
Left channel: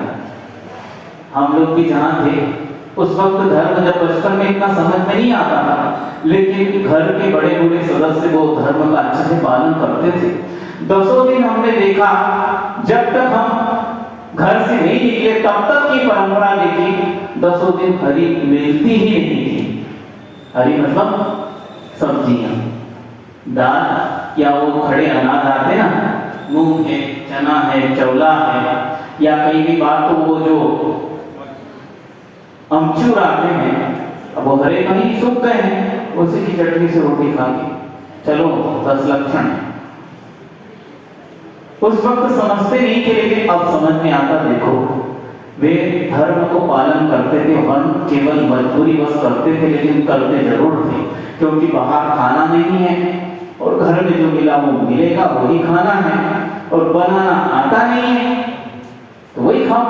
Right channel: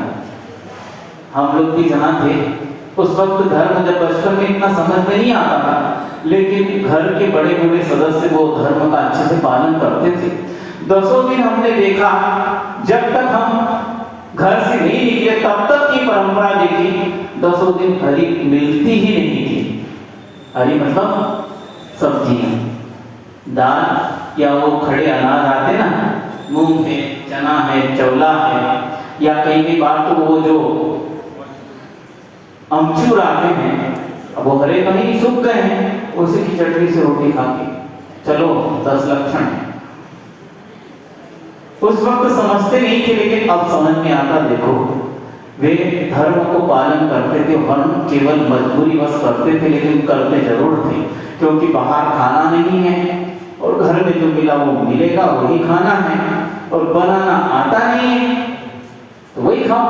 हम लोग भी जहाँ थे उस वक्त धर्म जब बचपन में इतना समझ में नहीं आता था, लेकिन घर के बड़े बूढ़े सदस्य वो धर्म का अच्छे से पालन करते थे। 10 दिन हमने देखा, जब तक हम घर से नहीं निकले तब तक की परंपरा देखी, 10 दिन हरी मिलती ही नहीं थी। हरी मतलब सब्जियां, दाल या वो खड़े अनाज आते ना, मूंग है, चना है, चौला है, या कई बार तो वो जो अमचूर आते हैं, अब वो हरे कहीं सूख गए हैं, उसी की चटनी से रोटी खा के चलो 10 लक्षण। उस वक्त समझते नहीं थे, लेकिन अब समझ में आता। देखो वे धर्म को पालन करते थे, हम केवल मजबूरी बस करते थे, लेकिन करते जरूर थे, क्योंकि बाहर खाना नहीं है और घर में जो मिला वो मिलेगा, वही खाना है, और बनाना आता नहीं है तो वही खाओ।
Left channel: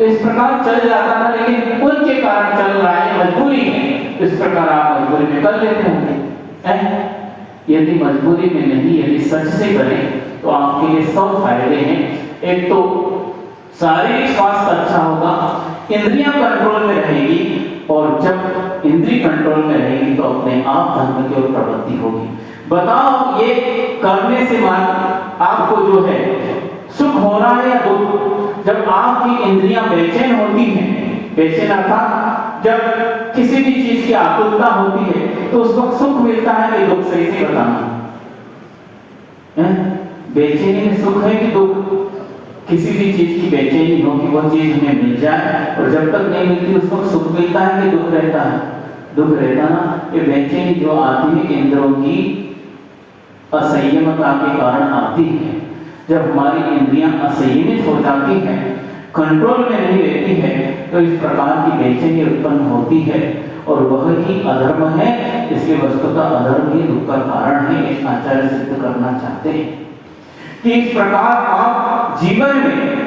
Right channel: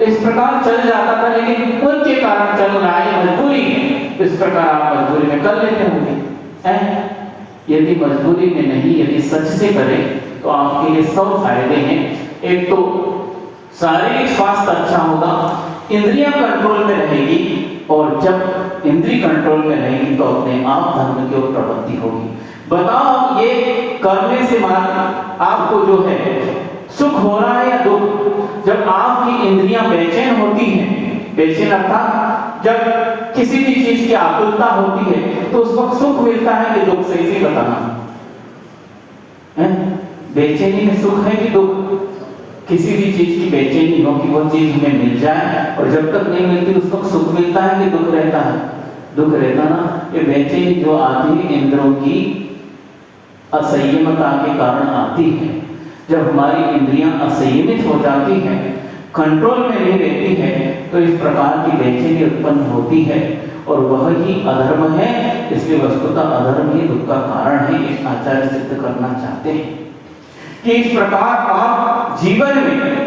इस प्रकार चल जाता था, लेकिन उनके कारण चल रहा है, मजबूरी है। इस प्रकार आप मजबूरी में कर लेते होंगे। यदि मजबूरी में नहीं, यदि सच से करें तो आपके लिए सब फायदे हैं। एक तो शारीरिक स्वास्थ्य अच्छा होगा, इंद्रियां कंट्रोल में रहेगी, और जब इंद्रिय कंट्रोल में रहेगी तो अपने आप धर्म की ओर प्रवृत्ति होगी। बताओ, ये करने से आपको जो है सुख हो रहा है या दुख। जब आपकी इंद्रियां बेचैन होती हैं, बेचैन अर्थात जब किसी भी चीज की आकुलता होती है तो उस वक्त सुख मिलता है कि दुख, सही से बताना है? बेचैनी में सुख है कि दुख? किसी भी चीज की बेचैनी हो कि वो चीज हमें मिल जाए, और जब तक नहीं मिलती उस वक्त सुख मिलता है कि दुख रहता है? दुख रहता ना। ये बेचैनी जो आती है इंद्रियों की असंयमता के कारण आती है। जब हमारी इंद्रियां असंयमित हो जाती हैं, कंट्रोल में नहीं रहती है, तो इस प्रकार की बेचैनी उत्पन्न होती है, और वह ही अधर्म है। इसलिए वस्तुतः अधर्म ही दुख का कारण है, एक आचार्य सिद्ध करना चाहते हैं कि इस प्रकार आप जीवन में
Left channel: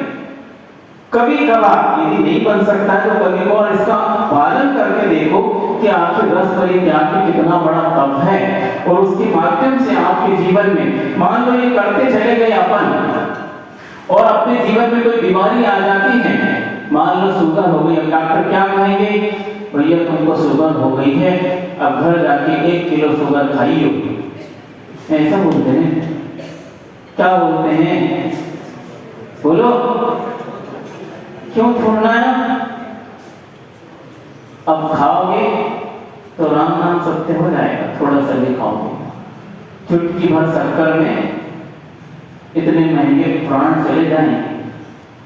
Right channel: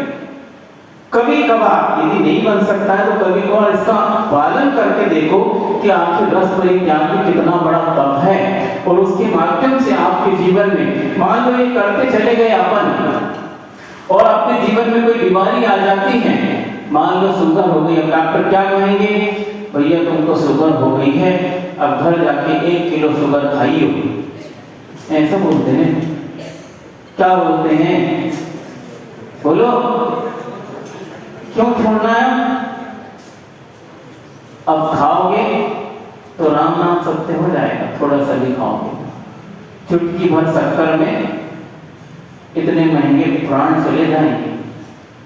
कभी कभार यदि नहीं बन सकता है तो कभी कभार इसका पालन करके देखो कि आपके रस परित्याग में कितना बड़ा तप है, और उसके माध्यम से आपके जीवन में मान लो ये करते चले गए अपन, और अपने जीवन में कोई बीमारी आ जाती है, मान लो शुगर हो गई, अब डॉक्टर क्या कहेंगे, भैया तुमको शुगर हो गई है, अब घर जाके 1 किलो शुगर खाइयो। ऐसा बोलते हैं? क्या बोलते हैं? बोलो, क्यों छोड़ना है? अब खाओगे तो राम नाम सत्य हो जाएगा, थोड़ा सा भी खाओगे। चुटकी भर शक्कर में इतने महंगे प्राण चले जाएंगे,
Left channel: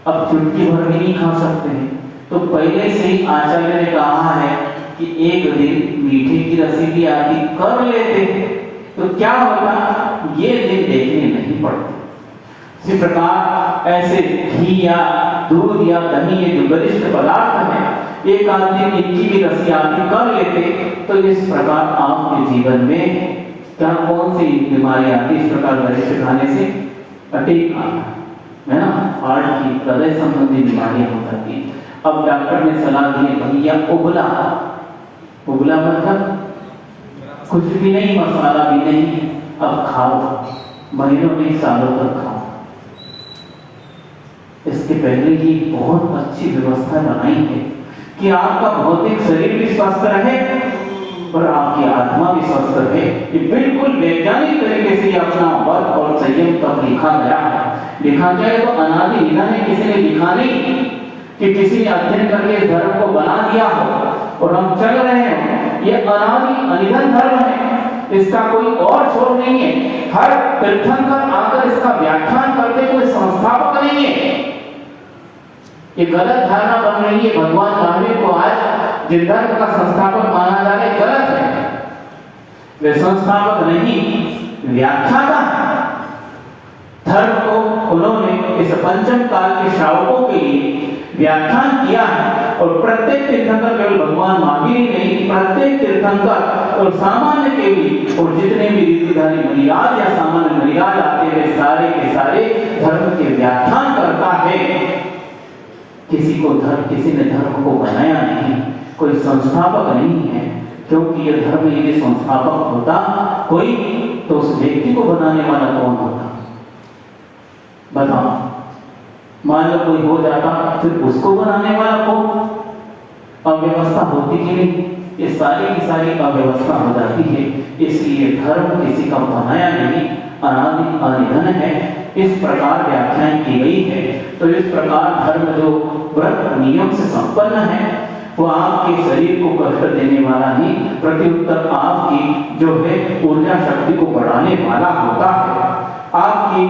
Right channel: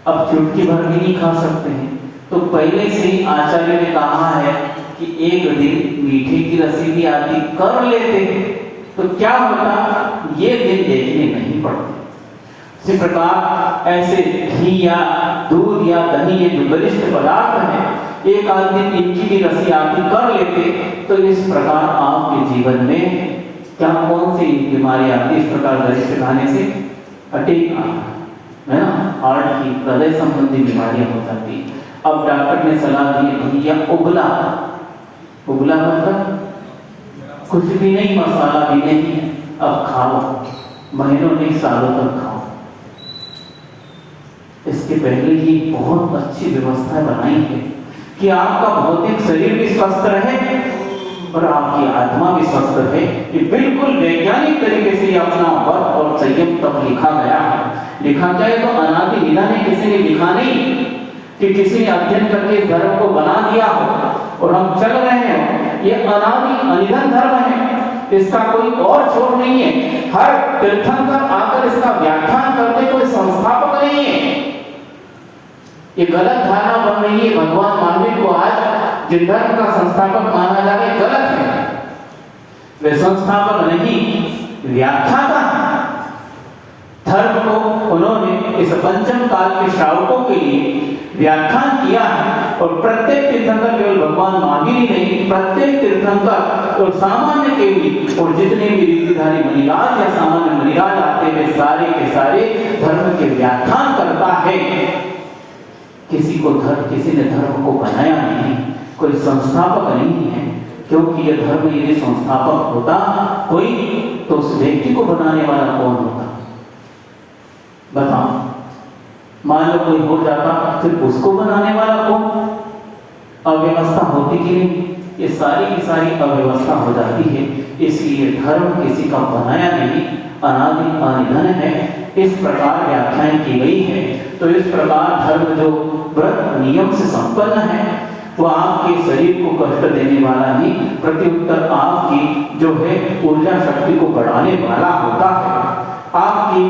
अब चुटकी भर भी नहीं खा सकते हैं। तो पहले से ही आचार्य ने कहा है कि एक दिन मीठे की रसीदी आदि कर लेते तो क्या होता, ये दिन देखने नहीं पड़ते। इसी प्रकार ऐसे घी या दूध या दही, ये जो गरिष्ठ पदार्थ है, एक आध दिन इनकी भी रसी आदि कर लेते तो इस प्रकार आपके जीवन में क्या कौन सी बीमारी आती, इस प्रकार गरिष्ठ खाने से अटैक है ना, हार्ट की, हृदय संबंधी बीमारियां हो जाती। अब डॉक्टर ने सलाह दी भैया उबला, उबला मतलब कुछ भी नहीं, मसाला भी नहीं, अब खाओ, महीनों नहीं सालों तक खाओ। इसके पहले ही बहुत अच्छी व्यवस्था बनाई है कि आपका भौतिक शरीर भी स्वस्थ रहे और आपकी आत्मा भी स्वस्थ रहे। कि बिल्कुल वैज्ञानिक तरीके से अपना वर्त और संयम तक लिखा गया है। लिखा जाए तो अनादि विधान किसी ने लिखा नहीं कि किसी ने अध्ययन करके इस धर्म को बना दिया हो और हम चल रहे हैं। ये अनादि अनिधन धर्म है, इसका कोई और छोर नहीं है। हर तीर्थंकर आकर इसका व्याख्यान करते कोई संस्थापक नहीं है। ये गलत धारणा बन रही है। भगवान महावीर को आज जिन धर्म का संस्थापक माना जा रहा है, गलत है। वे संस्थापक नहीं, व्याख्याता है। धर्म को उन्होंने इस पंचम काल के श्रावकों के लिए व्याख्यान किया है, और प्रत्येक तीर्थंकर केवल भगवान महावीर ही नहीं, प्रत्येक तीर्थंकर और सामान्य के भी, और जितने भी रीतिधारी मुनिराज या सामान्य मुनिराज आते वे सारे के सारे धर्म के व्याख्यान करता है। किसी ने धर्म को बनाया नहीं, कोई संस्थापक नहीं है, क्योंकि यह धर्म यदि संस्थापक होता कोई तो उस व्यक्ति को बनाने वाला कौन होता, बताओ। मान लो कोई हो जाता, फिर उसको बनाने वाला कौन? अव्यवस्था होती कि नहीं? ये सारी की सारी अव्यवस्था हो जाती है। इसलिए धर्म किसी का बनाया नहीं, अनादि अनिधन है। इस प्रकार व्याख्यान की गई है। तो इस प्रकार धर्म जो व्रत नियम से संपन्न है, वो आपके शरीर को कष्ट देने वाला नहीं, प्रत्युत्तर आपकी जो है ऊर्जा शक्ति को बढ़ाने वाला होता है, आपकी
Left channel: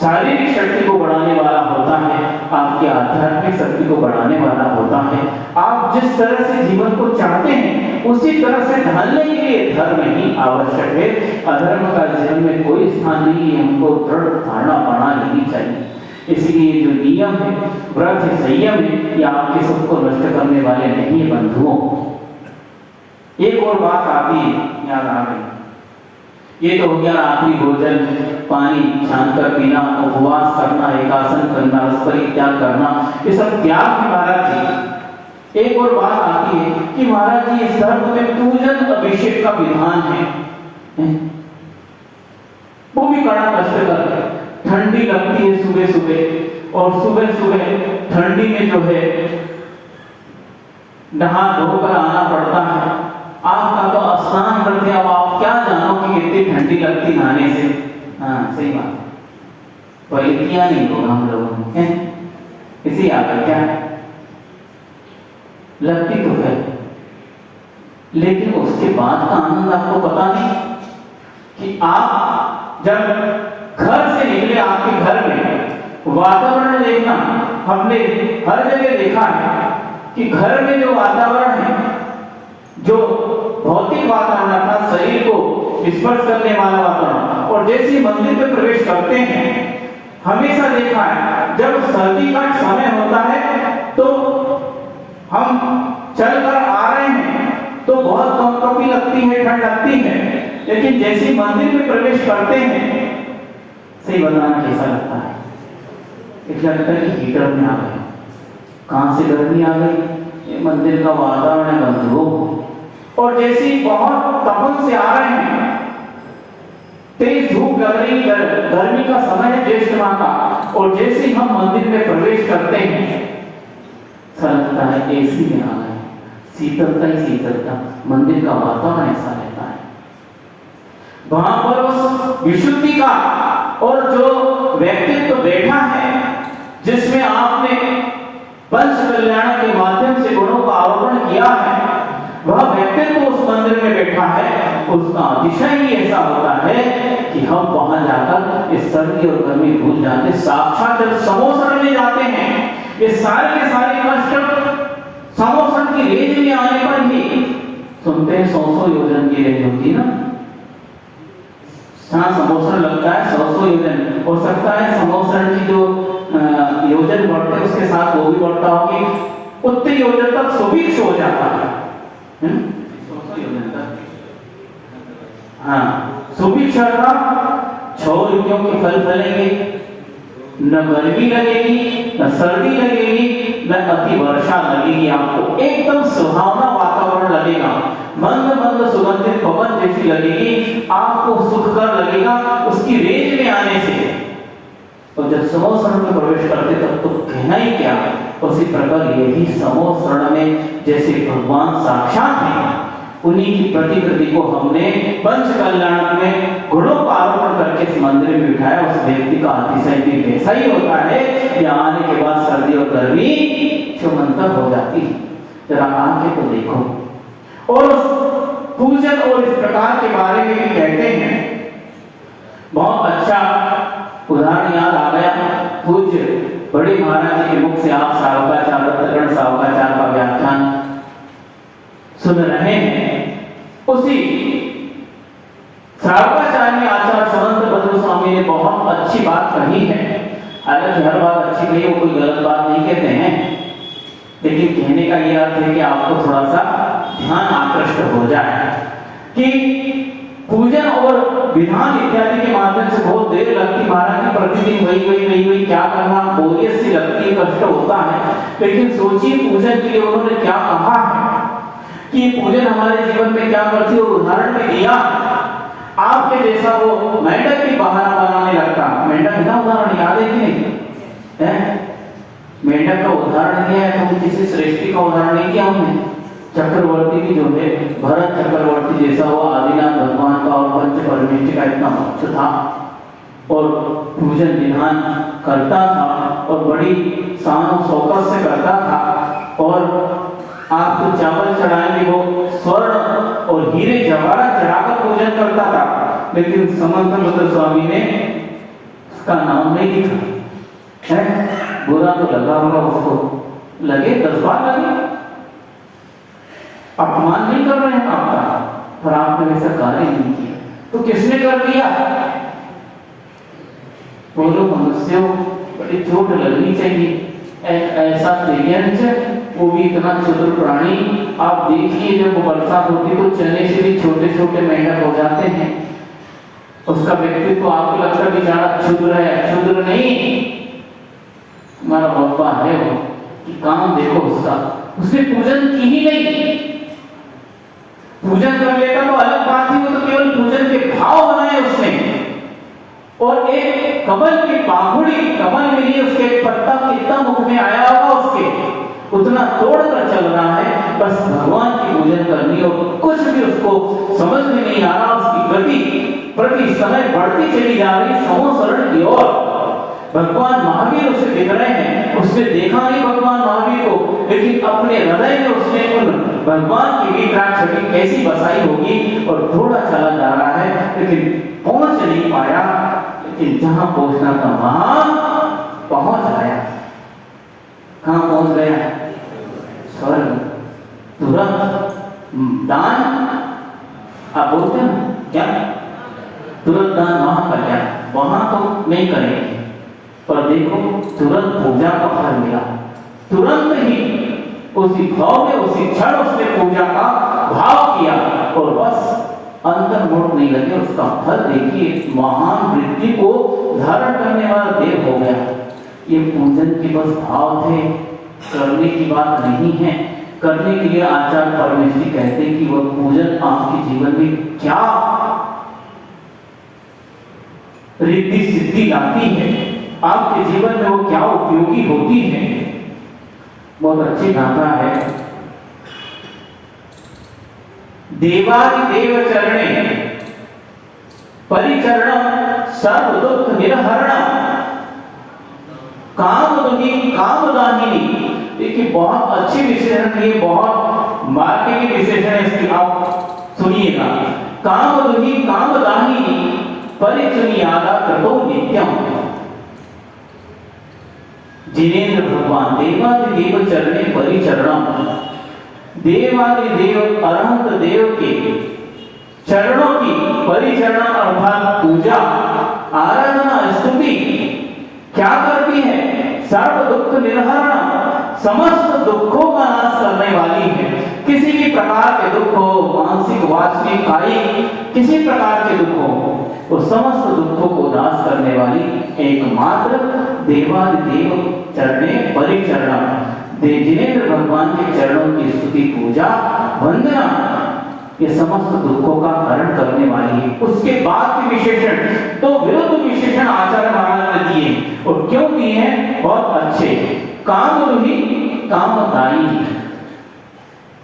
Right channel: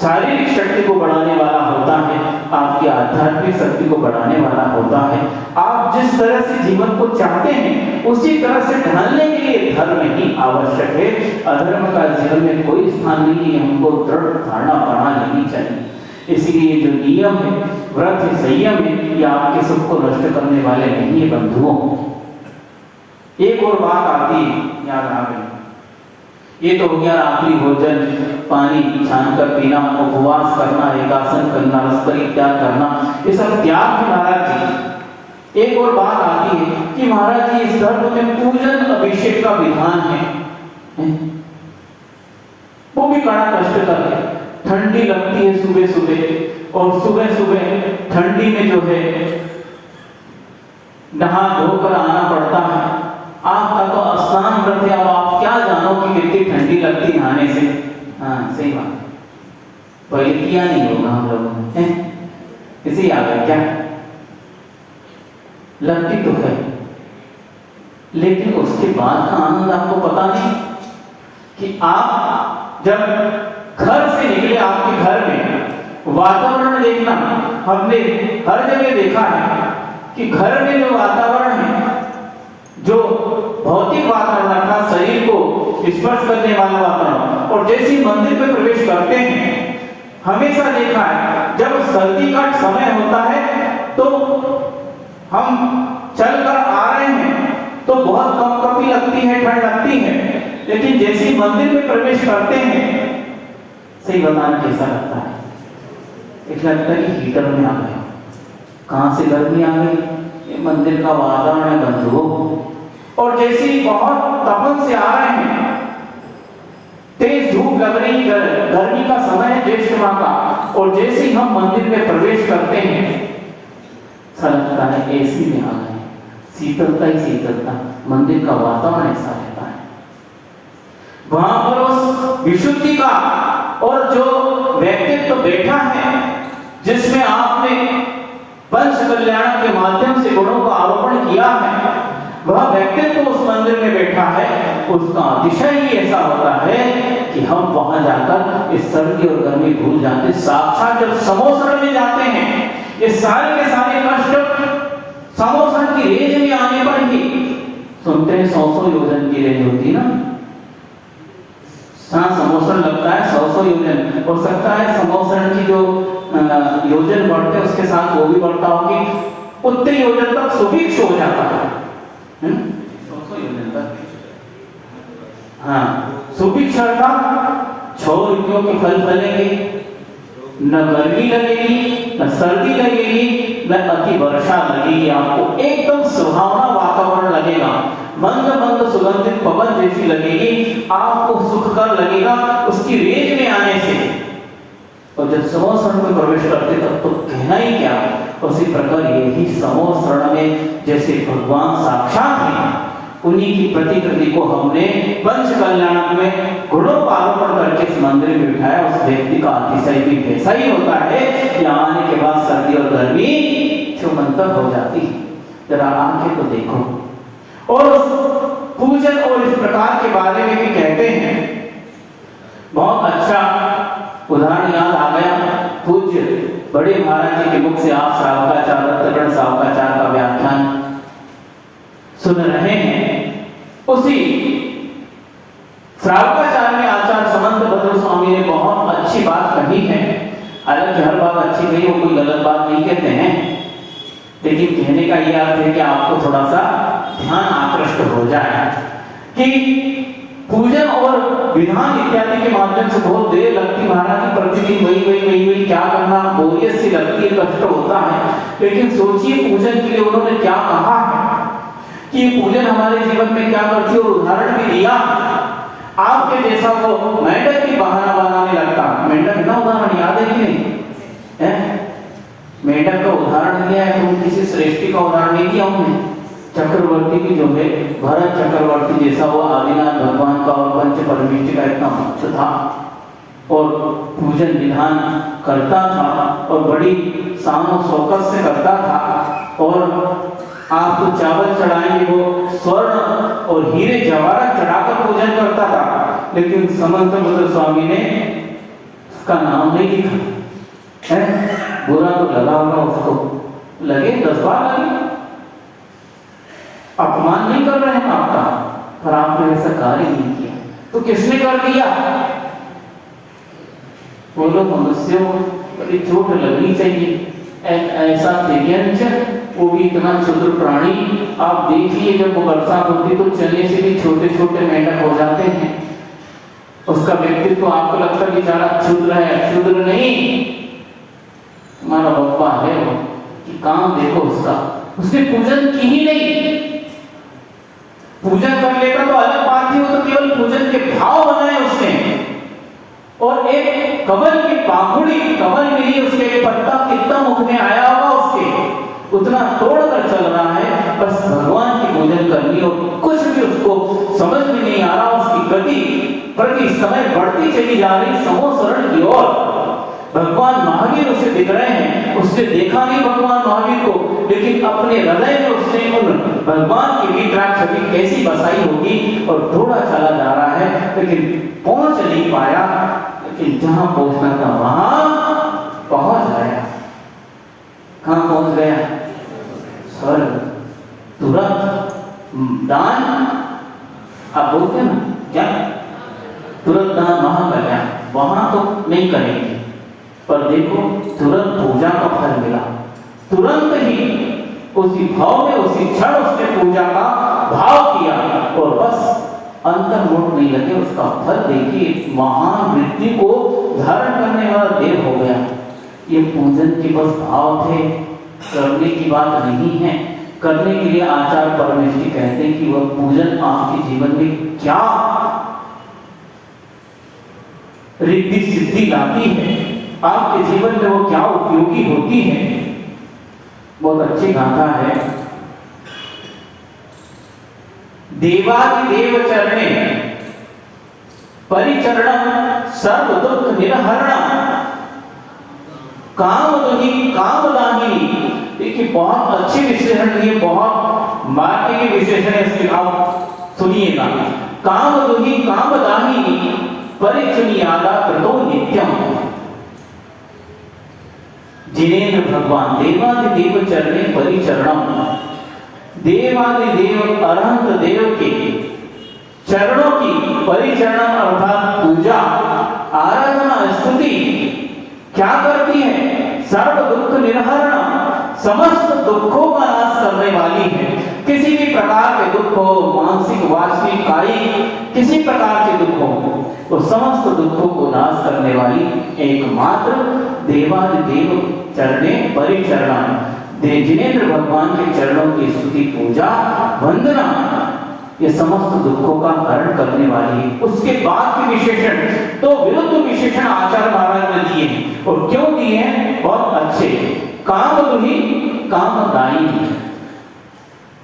शारीरिक शक्ति को बढ़ाने वाला होता है, आपकी आध्यात्मिक शक्ति को बढ़ाने वाला होता है। आप जिस तरह से जीवन को चाहते हैं उसी तरह से ढालने के लिए धर्म ही आवश्यक है। अधर्म का जीवन में कोई स्थान नहीं है। हमको दृढ़ धारणा बना लेनी चाहिए। इसलिए जो नियम है, व्रत है, संयम है, ये आपके सबको नष्ट करने वाले नहीं है बंधुओं। एक और बात आती है, याद आ गई। ये तो हो गया रात्रि भोजन, पानी छानकर पीना, उपवास करना, एकासन करना, रस परित्याग करना, ये सब त्याग है महाराज जी। एक और बात आती है कि महाराज जी इस धर्म में पूजन अभिषेक का विधान है, वो भी बड़ा कष्टकर है। ठंडी लगती है सुबह सुबह, और सुबह सुबह ठंडी में जो है नहा धोकर आना पड़ता है। आपका तो स्नान व्रत है, अब आप क्या जानो कि कितनी ठंडी लगती नहाने से। हाँ सही बात। पहले किया नहीं होगा हम लोगों ने, इसे याद है क्या? लगती तो है, लेकिन उसके बाद का आनंद आपको पता नहीं कि आप जब घर से निकले, आपके घर में वातावरण देखना, हमने हर जगह देखा है कि घर में जो वातावरण है, जो भौतिक वातावरण था, शरीर को स्पर्श करने वाला वातावरण, और जैसे ही मंदिर में प्रवेश करते हैं, हमेशा देखा है जब सर्दी का समय होता है तो हम चलकर आ रहे हैं तो बहुत कंपकपी लगती है, ठंड लगती है, लेकिन जैसे ही मंदिर में प्रवेश करते हैं, सही बताना कैसा लगता है? इसलिए लगता है कि हीटर में आ गए। कहां से गर्मी आ गई? ये मंदिर का वातावरण बंधु। और जैसे ही बहुत तपन से आ रहे हैं, तेज धूप लग रही, गर्मी का समय है, ज्येष्ठ माह का, और जैसे ही हम मंदिर में प्रवेश करते हैं, लगता है एसी में आ गए, शीतलता ही शीतलता, मंदिर का वातावरण ऐसा रहता है। वहां पर उस विशुद्धि का और जो व्यक्तित्व तो बैठा है, जिसमें आपने पंच कल्याण के माध्यम से गुणों का आरोपण किया है, वह व्यक्तित्व उस मंदिर में बैठा है, उसका अतिशय ही ऐसा होता है कि हम वहां जाकर इस सर्दी और गर्मी भूल जाते। साक्षात जब समोसरण में जाते हैं, ये सारे के सारे कष्ट समोसरण की रेंज में आने पर ही सुनते हैं। 100 योजन की रेंज होती है ना, समोसरण लगता है 100 योजन, हो सकता है समोसरण की जो योजन बढ़ते हैं उसके साथ वो भी बढ़ता हो कि उतने योजन तक सुभिक्ष हो जाता है। 100 योजन तक, हाँ, सुभिक्ष अर्थात 6 ऋतुओं के फल फलेंगे, न गर्मी लगेगी, न सर्दी लगेगी, न अति वर्षा लगेगी। आपको एकदम सुहावना वातावरण लगेगा, मंद मंद सुगंधित पवन जैसी लगेगी, आपको सुखकर लगेगा उसकी रेंज में आने से। और जब समोसरण में प्रवेश करते तब तो कहना ही क्या। उसी प्रकार यही समोसरण में जैसे भगवान साक्षात हैं, उन्हीं की प्रतिकृति को हमने पंच कल्याण में गुणों का आरोपण करके इस मंदिर में बिठाया। उस व्यक्ति का अतिशय भी वैसा ही होता है कि आने के बाद सर्दी और गर्मी छुमंतर हो जाती है। जरा आंखें तो देखो। और पूजन और इस प्रकार के बारे में भी कहते हैं, बहुत अच्छा उदाहरण याद आ गया। पूज्य बड़े महाराज जी के मुख से आप श्रावकाचार्य दत्तगण श्रावकाचार्य का व्याख्यान सुन रहे हैं। उसी श्रावकाचार्य में आचार्य समंत भद्र स्वामी ने बहुत अच्छी बात कही है। हालांकि हर बात अच्छी कही, वो कोई गलत बात नहीं कहते हैं, लेकिन कहने का ये अर्थ है कि आपको थोड़ा सा ध्यान आकृष्ट हो जाए कि पूजन और विधान इत्यादि के माध्यम से बहुत देर लगती। महाराज की प्रतिदिन वही क्या करना, बोरियत सी लगती है, कष्ट होता है। लेकिन सोचिए पूजन के लिए उन्होंने क्या कहा है कि पूजन हमारे जीवन में क्या करती है, और उदाहरण भी दिया। आपके जैसा वो मेंढक भी बहाना बनाने लगता। मेंढक का उदाहरण याद है कि नहीं? मेंढक का उदाहरण दिया है, तो किसी श्रेष्ठी का उदाहरण नहीं किया हमने। चक्रवर्ती भी जो है, भरत चक्रवर्ती जैसा वो आदिनाथ भगवान का और पंच परमेष्टि का इतना भक्त था और पूजन विधान करता था और बड़ी शान और शौकत से करता था। और आपको चावल चढ़ाएंगे, वो स्वर्ण और हीरे जवाहरात चढ़ाकर पूजन करता था। लेकिन समंत भद्र स्वामी ने उसका नाम नहीं लिखा है। बुरा तो लगा होगा उसको, लगे 10 बार लगे। अपमान नहीं कर रहे हैं आपका, पर आपने वैसा कार्य नहीं किया तो किसने कर दिया? बोलो मनुष्यों, बड़ी चोट लगनी चाहिए। ऐसा दिव्यांश, वो भी इतना क्षुद्र प्राणी। आप देखिए जब बरसात होती तो चने से भी छोटे छोटे मेंढक हो जाते हैं। उसका व्यक्तित्व तो आपको लगता है बेचारा क्षुद्र है, क्षुद्र नहीं, हमारा बप्पा है वो कि काम देखो उसका। उसने पूजन की ही नहीं। पूजन कर लेता तो अलग बात थी, वो तो केवल पूजन के भाव बनाए उसने। और एक कमल की पाखुड़ी, कमल मिली उसके पत्ता कितना मुख में आया होगा उसके, उतना तोड़कर चल रहा है। बस भगवान की पूजन करनी और कुछ भी उसको समझ में नहीं आ रहा। उसकी गति प्रति समय बढ़ती चली जा रही समोसरण की ओर। भगवान महावीर उसे दिख रहे हैं, उसने देखा नहीं भगवान महावीर को, लेकिन अपने हृदय में उसने उन भगवान की विराट छवि कैसी बसाई होगी, और थोड़ा चला जा रहा है लेकिन पहुंच नहीं पाया, लेकिन जहां पहुंचना था वहां पहुंच गया। कहां पहुंच गया? स्वर्ग। तुरंत दान, आप बोलते हैं ना क्या, तुरंत दान वहां कर गया, वहां तो नहीं करेंगे, पर देखो तुरंत पूजा का फल मिला। तुरंत ही उसी भाव में, उसी क्षण उसने पूजा का भाव किया, और बस अंतर मोड़ नहीं लगे, उसका फल देखिए, महान वृद्धि को धारण करने वाला देव हो गया। ये पूजन के बस भाव थे, करने की बात नहीं है। करने के लिए आचार्य परमेश्वरी कहते हैं कि वह पूजन आपके जीवन में क्या रिद्धि सिद्धि लाती है, आपके जीवन में वो क्या उपयोगी होती है। बहुत अच्छी गाथा है, देवादिदेव चरणे परिचरण सर्व दुख निर्हरण कामदुहि कामदाहिनी। देखिए बहुत अच्छे विशेषण दिए, बहुत मार्केटिंग विशेषण है इसकी, आप सुनिएगा। कामदुहि कामदाहिनी परिचुनियादा कृतो नित्यम। जिनेन्द्र भगवान देवादिदेव चरणे परिचरणम, देवादिदेव अरहंत देव के चरणों की परिचरण अर्थात पूजा, आराधना, स्तुति क्या करती है? सर्व दुख निर्हरण, समस्त दुखों का नाश करने वाली है। किसी भी प्रकार के दुख हो, मानसिक, वाचनिक, कायिक, किसी प्रकार के दुख हो, वो समस्त दुखों को नाश करने वाली एकमात्र देवादिदेव चरणे परिचरण, जिनेन्द्र भगवान के चरणों की स्तुति, पूजा, वंदना, ये समस्त दुखों का हरण करने वाली है। उसके बाद के विशेषण तो विरुद्ध विशेषण आचार्य महाराज ने दिए, और क्यों दिए हैं? बहुत अच्छे। कामदुहि कामदायिनी,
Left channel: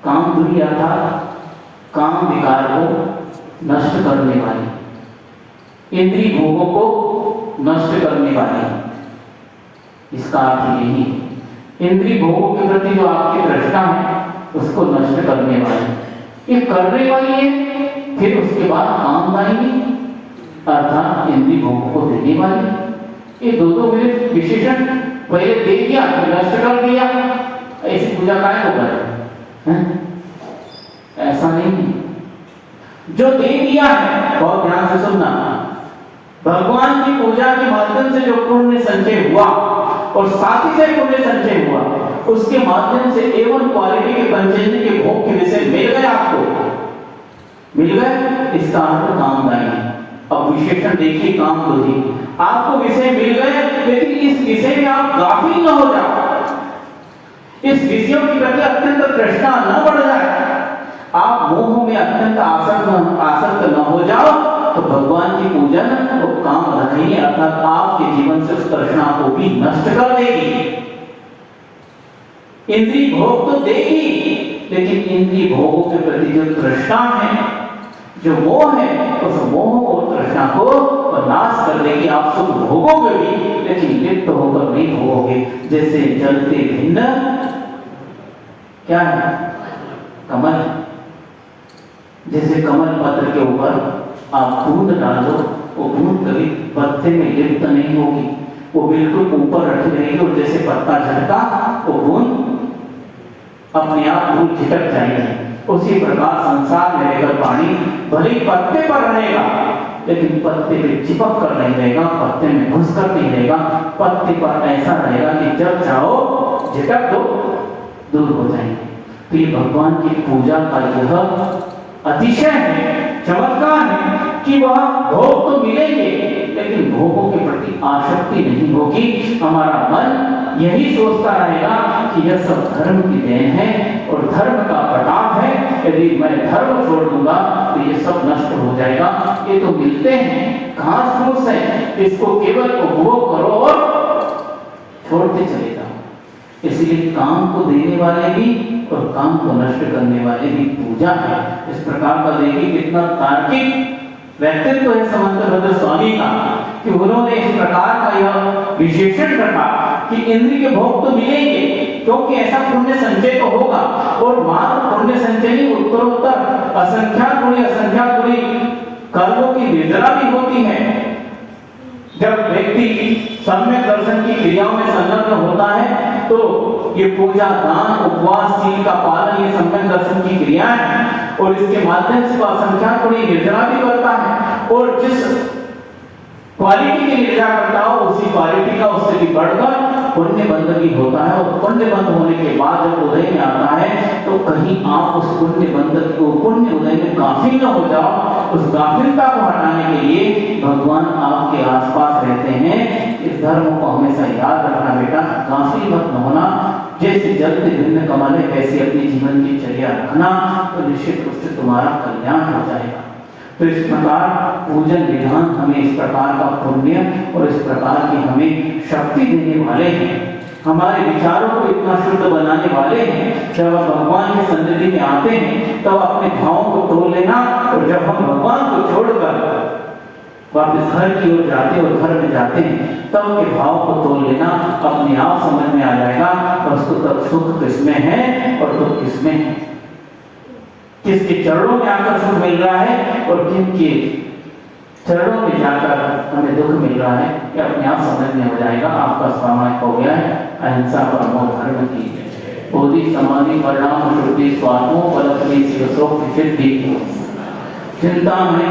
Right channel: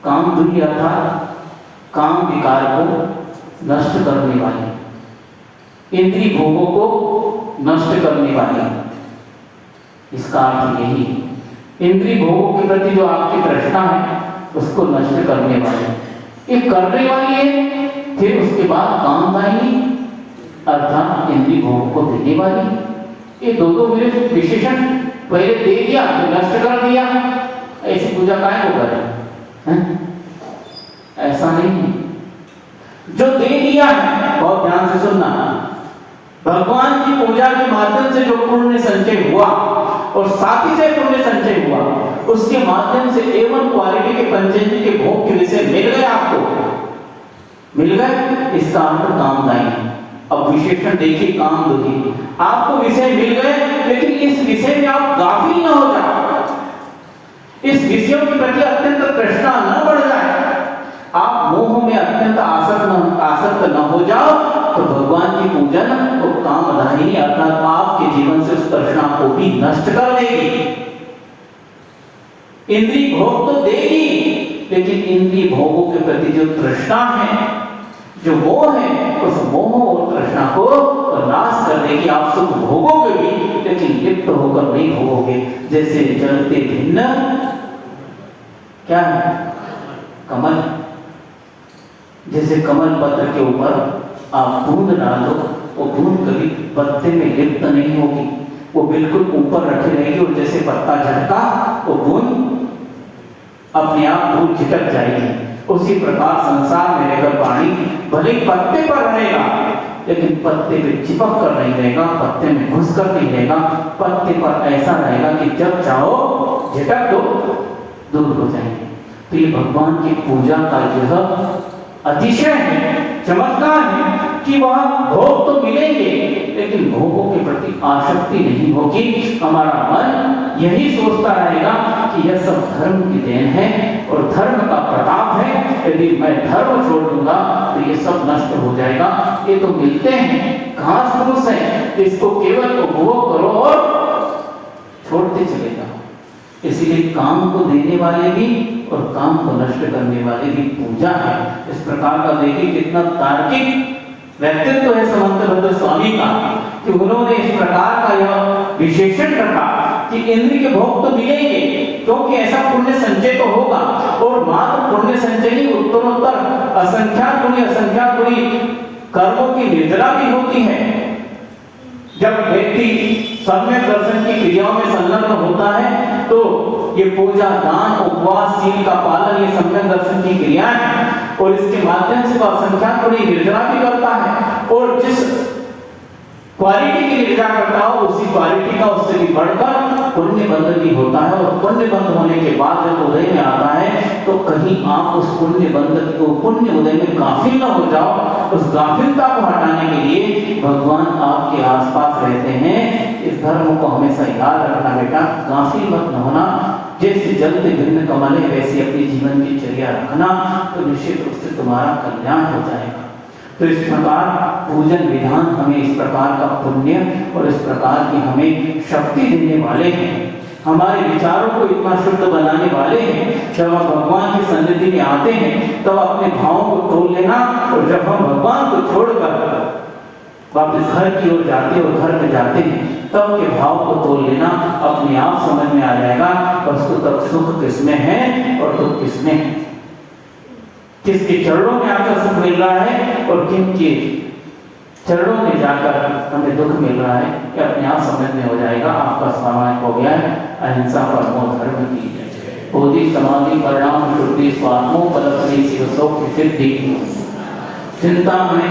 कामदुहि अर्थात काम विकार को नष्ट करने वाली, इंद्रिय भोगों को नष्ट करने वाली, इसका अर्थ यही है। इंद्रिय भोगों के प्रति जो आपकी तृष्णा है उसको नष्ट करने वाली, ये करने वाली है। फिर उसके बाद कामदायिनी अर्थात इंद्रिय भोग को देने वाली। ये दो विशेषण पहले दे दिया, नष्ट कर दिया, ऐसी पूजा काहे को करें? ऐसा नहीं, जो दे दिया है, बहुत ध्यान से सुनना, भगवान की पूजा के माध्यम से जो पुण्य संचय हुआ और साथ ही से पुण्य संचय हुआ, उसके माध्यम से एवन क्वालिटी के पंचेंद्रिय के भोग के विषय मिल गए, आपको मिल गए, इसका अर्थ कामदायी। अब विशेषण देखिए, कामदुहि, आपको विषय मिल गए, लेकिन इस विषय में आप गाफिल न हो जाओ, इस विषयों के प्रति अत्यंत तृष्णा न बढ़ जाए, आप मोह में अत्यंत आसक्त न हो जाओ, तो भगवान की पूजन तो कामदायिनी अर्थात आपके जीवन से उस तृष्णा को भी नष्ट कर देगी। इंद्रिय भोग तो देगी, लेकिन इंद्रिय भोगों के प्रति जो तृष्णा है, जो मोह है, उस मोह और तृष्णा को नाश कर देगी। आप सुख भोगोगे भी, लेकिन लिप्त होकर नहीं भोगोगे। जैसे जलते भिन्न क्या है? कमल। जैसे कमल पत्र के ऊपर आप बूंद डालो, वो बूंद कभी पत्ते में लिप्त नहीं होगी, वो बिल्कुल ऊपर रखी रहेगी, और जैसे पत्ता झटका वो बूंद अपने आप दूर झिटक जाएगी। उसी प्रकार संसार में रहकर पानी भले पत्ते पर रहेगा, लेकिन पत्ते पे चिपक कर नहीं रहेगा, पत्ते में घुस कर नहीं रहेगा, पत्ते पर ऐसा रहेगा कि जब चाहो झटक दो, दूर हो जाएंगे। तो ये भगवान की पूजा का यह अतिशय है, चमत्कार है कि वह भोग तो मिलेंगे, लेकिन भोगों के प्रति आसक्ति नहीं होगी। हमारा मन यही सोचता रहेगा कि यह सब धर्म की देन है और धर्म का प्रताप है, यदि मैं धर्म छोड़ दूंगा तो ये सब नष्ट हो जाएगा। ये तो मिलते हैं, घास फूस है, इसको केवल उपभोग करो और छोड़ते चले जाओ। इसलिए काम को देने वाले भी और काम को नष्ट करने वाले भी पूजा है। इस प्रकार का देखिए कितना तार्किक व्यक्तित्व है समंत रुद्र स्वामी का, कि उन्होंने इस प्रकार का यह विशेषण रखा कि इंद्रिय भोग तो मिलेंगे, क्योंकि ऐसा पुण्य संचय तो होगा, और मात्र पुण्य संचय नहीं, उत्तरोत्तर असंख्यात गुणी कर्मों की निर्जरा भी होती है। जब व्यक्ति सम्यक दर्शन की क्रियाओं में संलग्न होता है तो ये पूजा, दान, उपवास, सील का पालन, ये सम्यक दर्शन की क्रियाएं हैं, और इसके माध्यम से वह असंख्यात गुणी निर्जरा भी करता है, और जिस क्वालिटी की निर्जरा करता हो उसी क्वालिटी का उससे भी बढ़कर पुण्य बंध भी होता है। और पुण्य बंध होने के बाद जब उदय में आता है तो कहीं आप उस पुण्य बंध को, पुण्य उदय में गाफिल न हो जाओ। उस गाफिलता को हटाने के लिए भगवान आपके आसपास रहते हैं। इस धर्म को हमेशा याद रखना बेटा, गाफिल मत न होना। जैसे जलते भिन्न कमल वैसे अपने जीवन की चर्या रखना, तो निश्चित रूप से तुम्हारा कल्याण हो जाएगा। तो इस प्रकार पूजन विधान हमें इस प्रकार का पुण्य और इस प्रकार की हमें शक्ति देने वाले हैं, हमारे विचारों को इतना शुद्ध बनाने वाले हैं। जब हम भगवान की सन्निधि में आते हैं तब अपने भावों को तोड़ लेना, और जब हम भगवान को छोड़कर वापस घर की ओर जाते और घर में जाते हैं तब के भाव को तोड़ लेना, अपने आप समझ में आ जाएगा वस्तुतः सुख किसमें है और दुख किसमें है, किसके चरणों में आकर सुख मिल रहा है और किनके चरणों में जाकर हमें दुख मिल रहा है, ये अपने आप समझ में हो जाएगा। आपका समय हो गया है। अहिंसा परमो धर्म की बोधि समाधि परिणाम शुद्धि स्वात्मो पलकनी शिव शोक सिद्धि चिंता में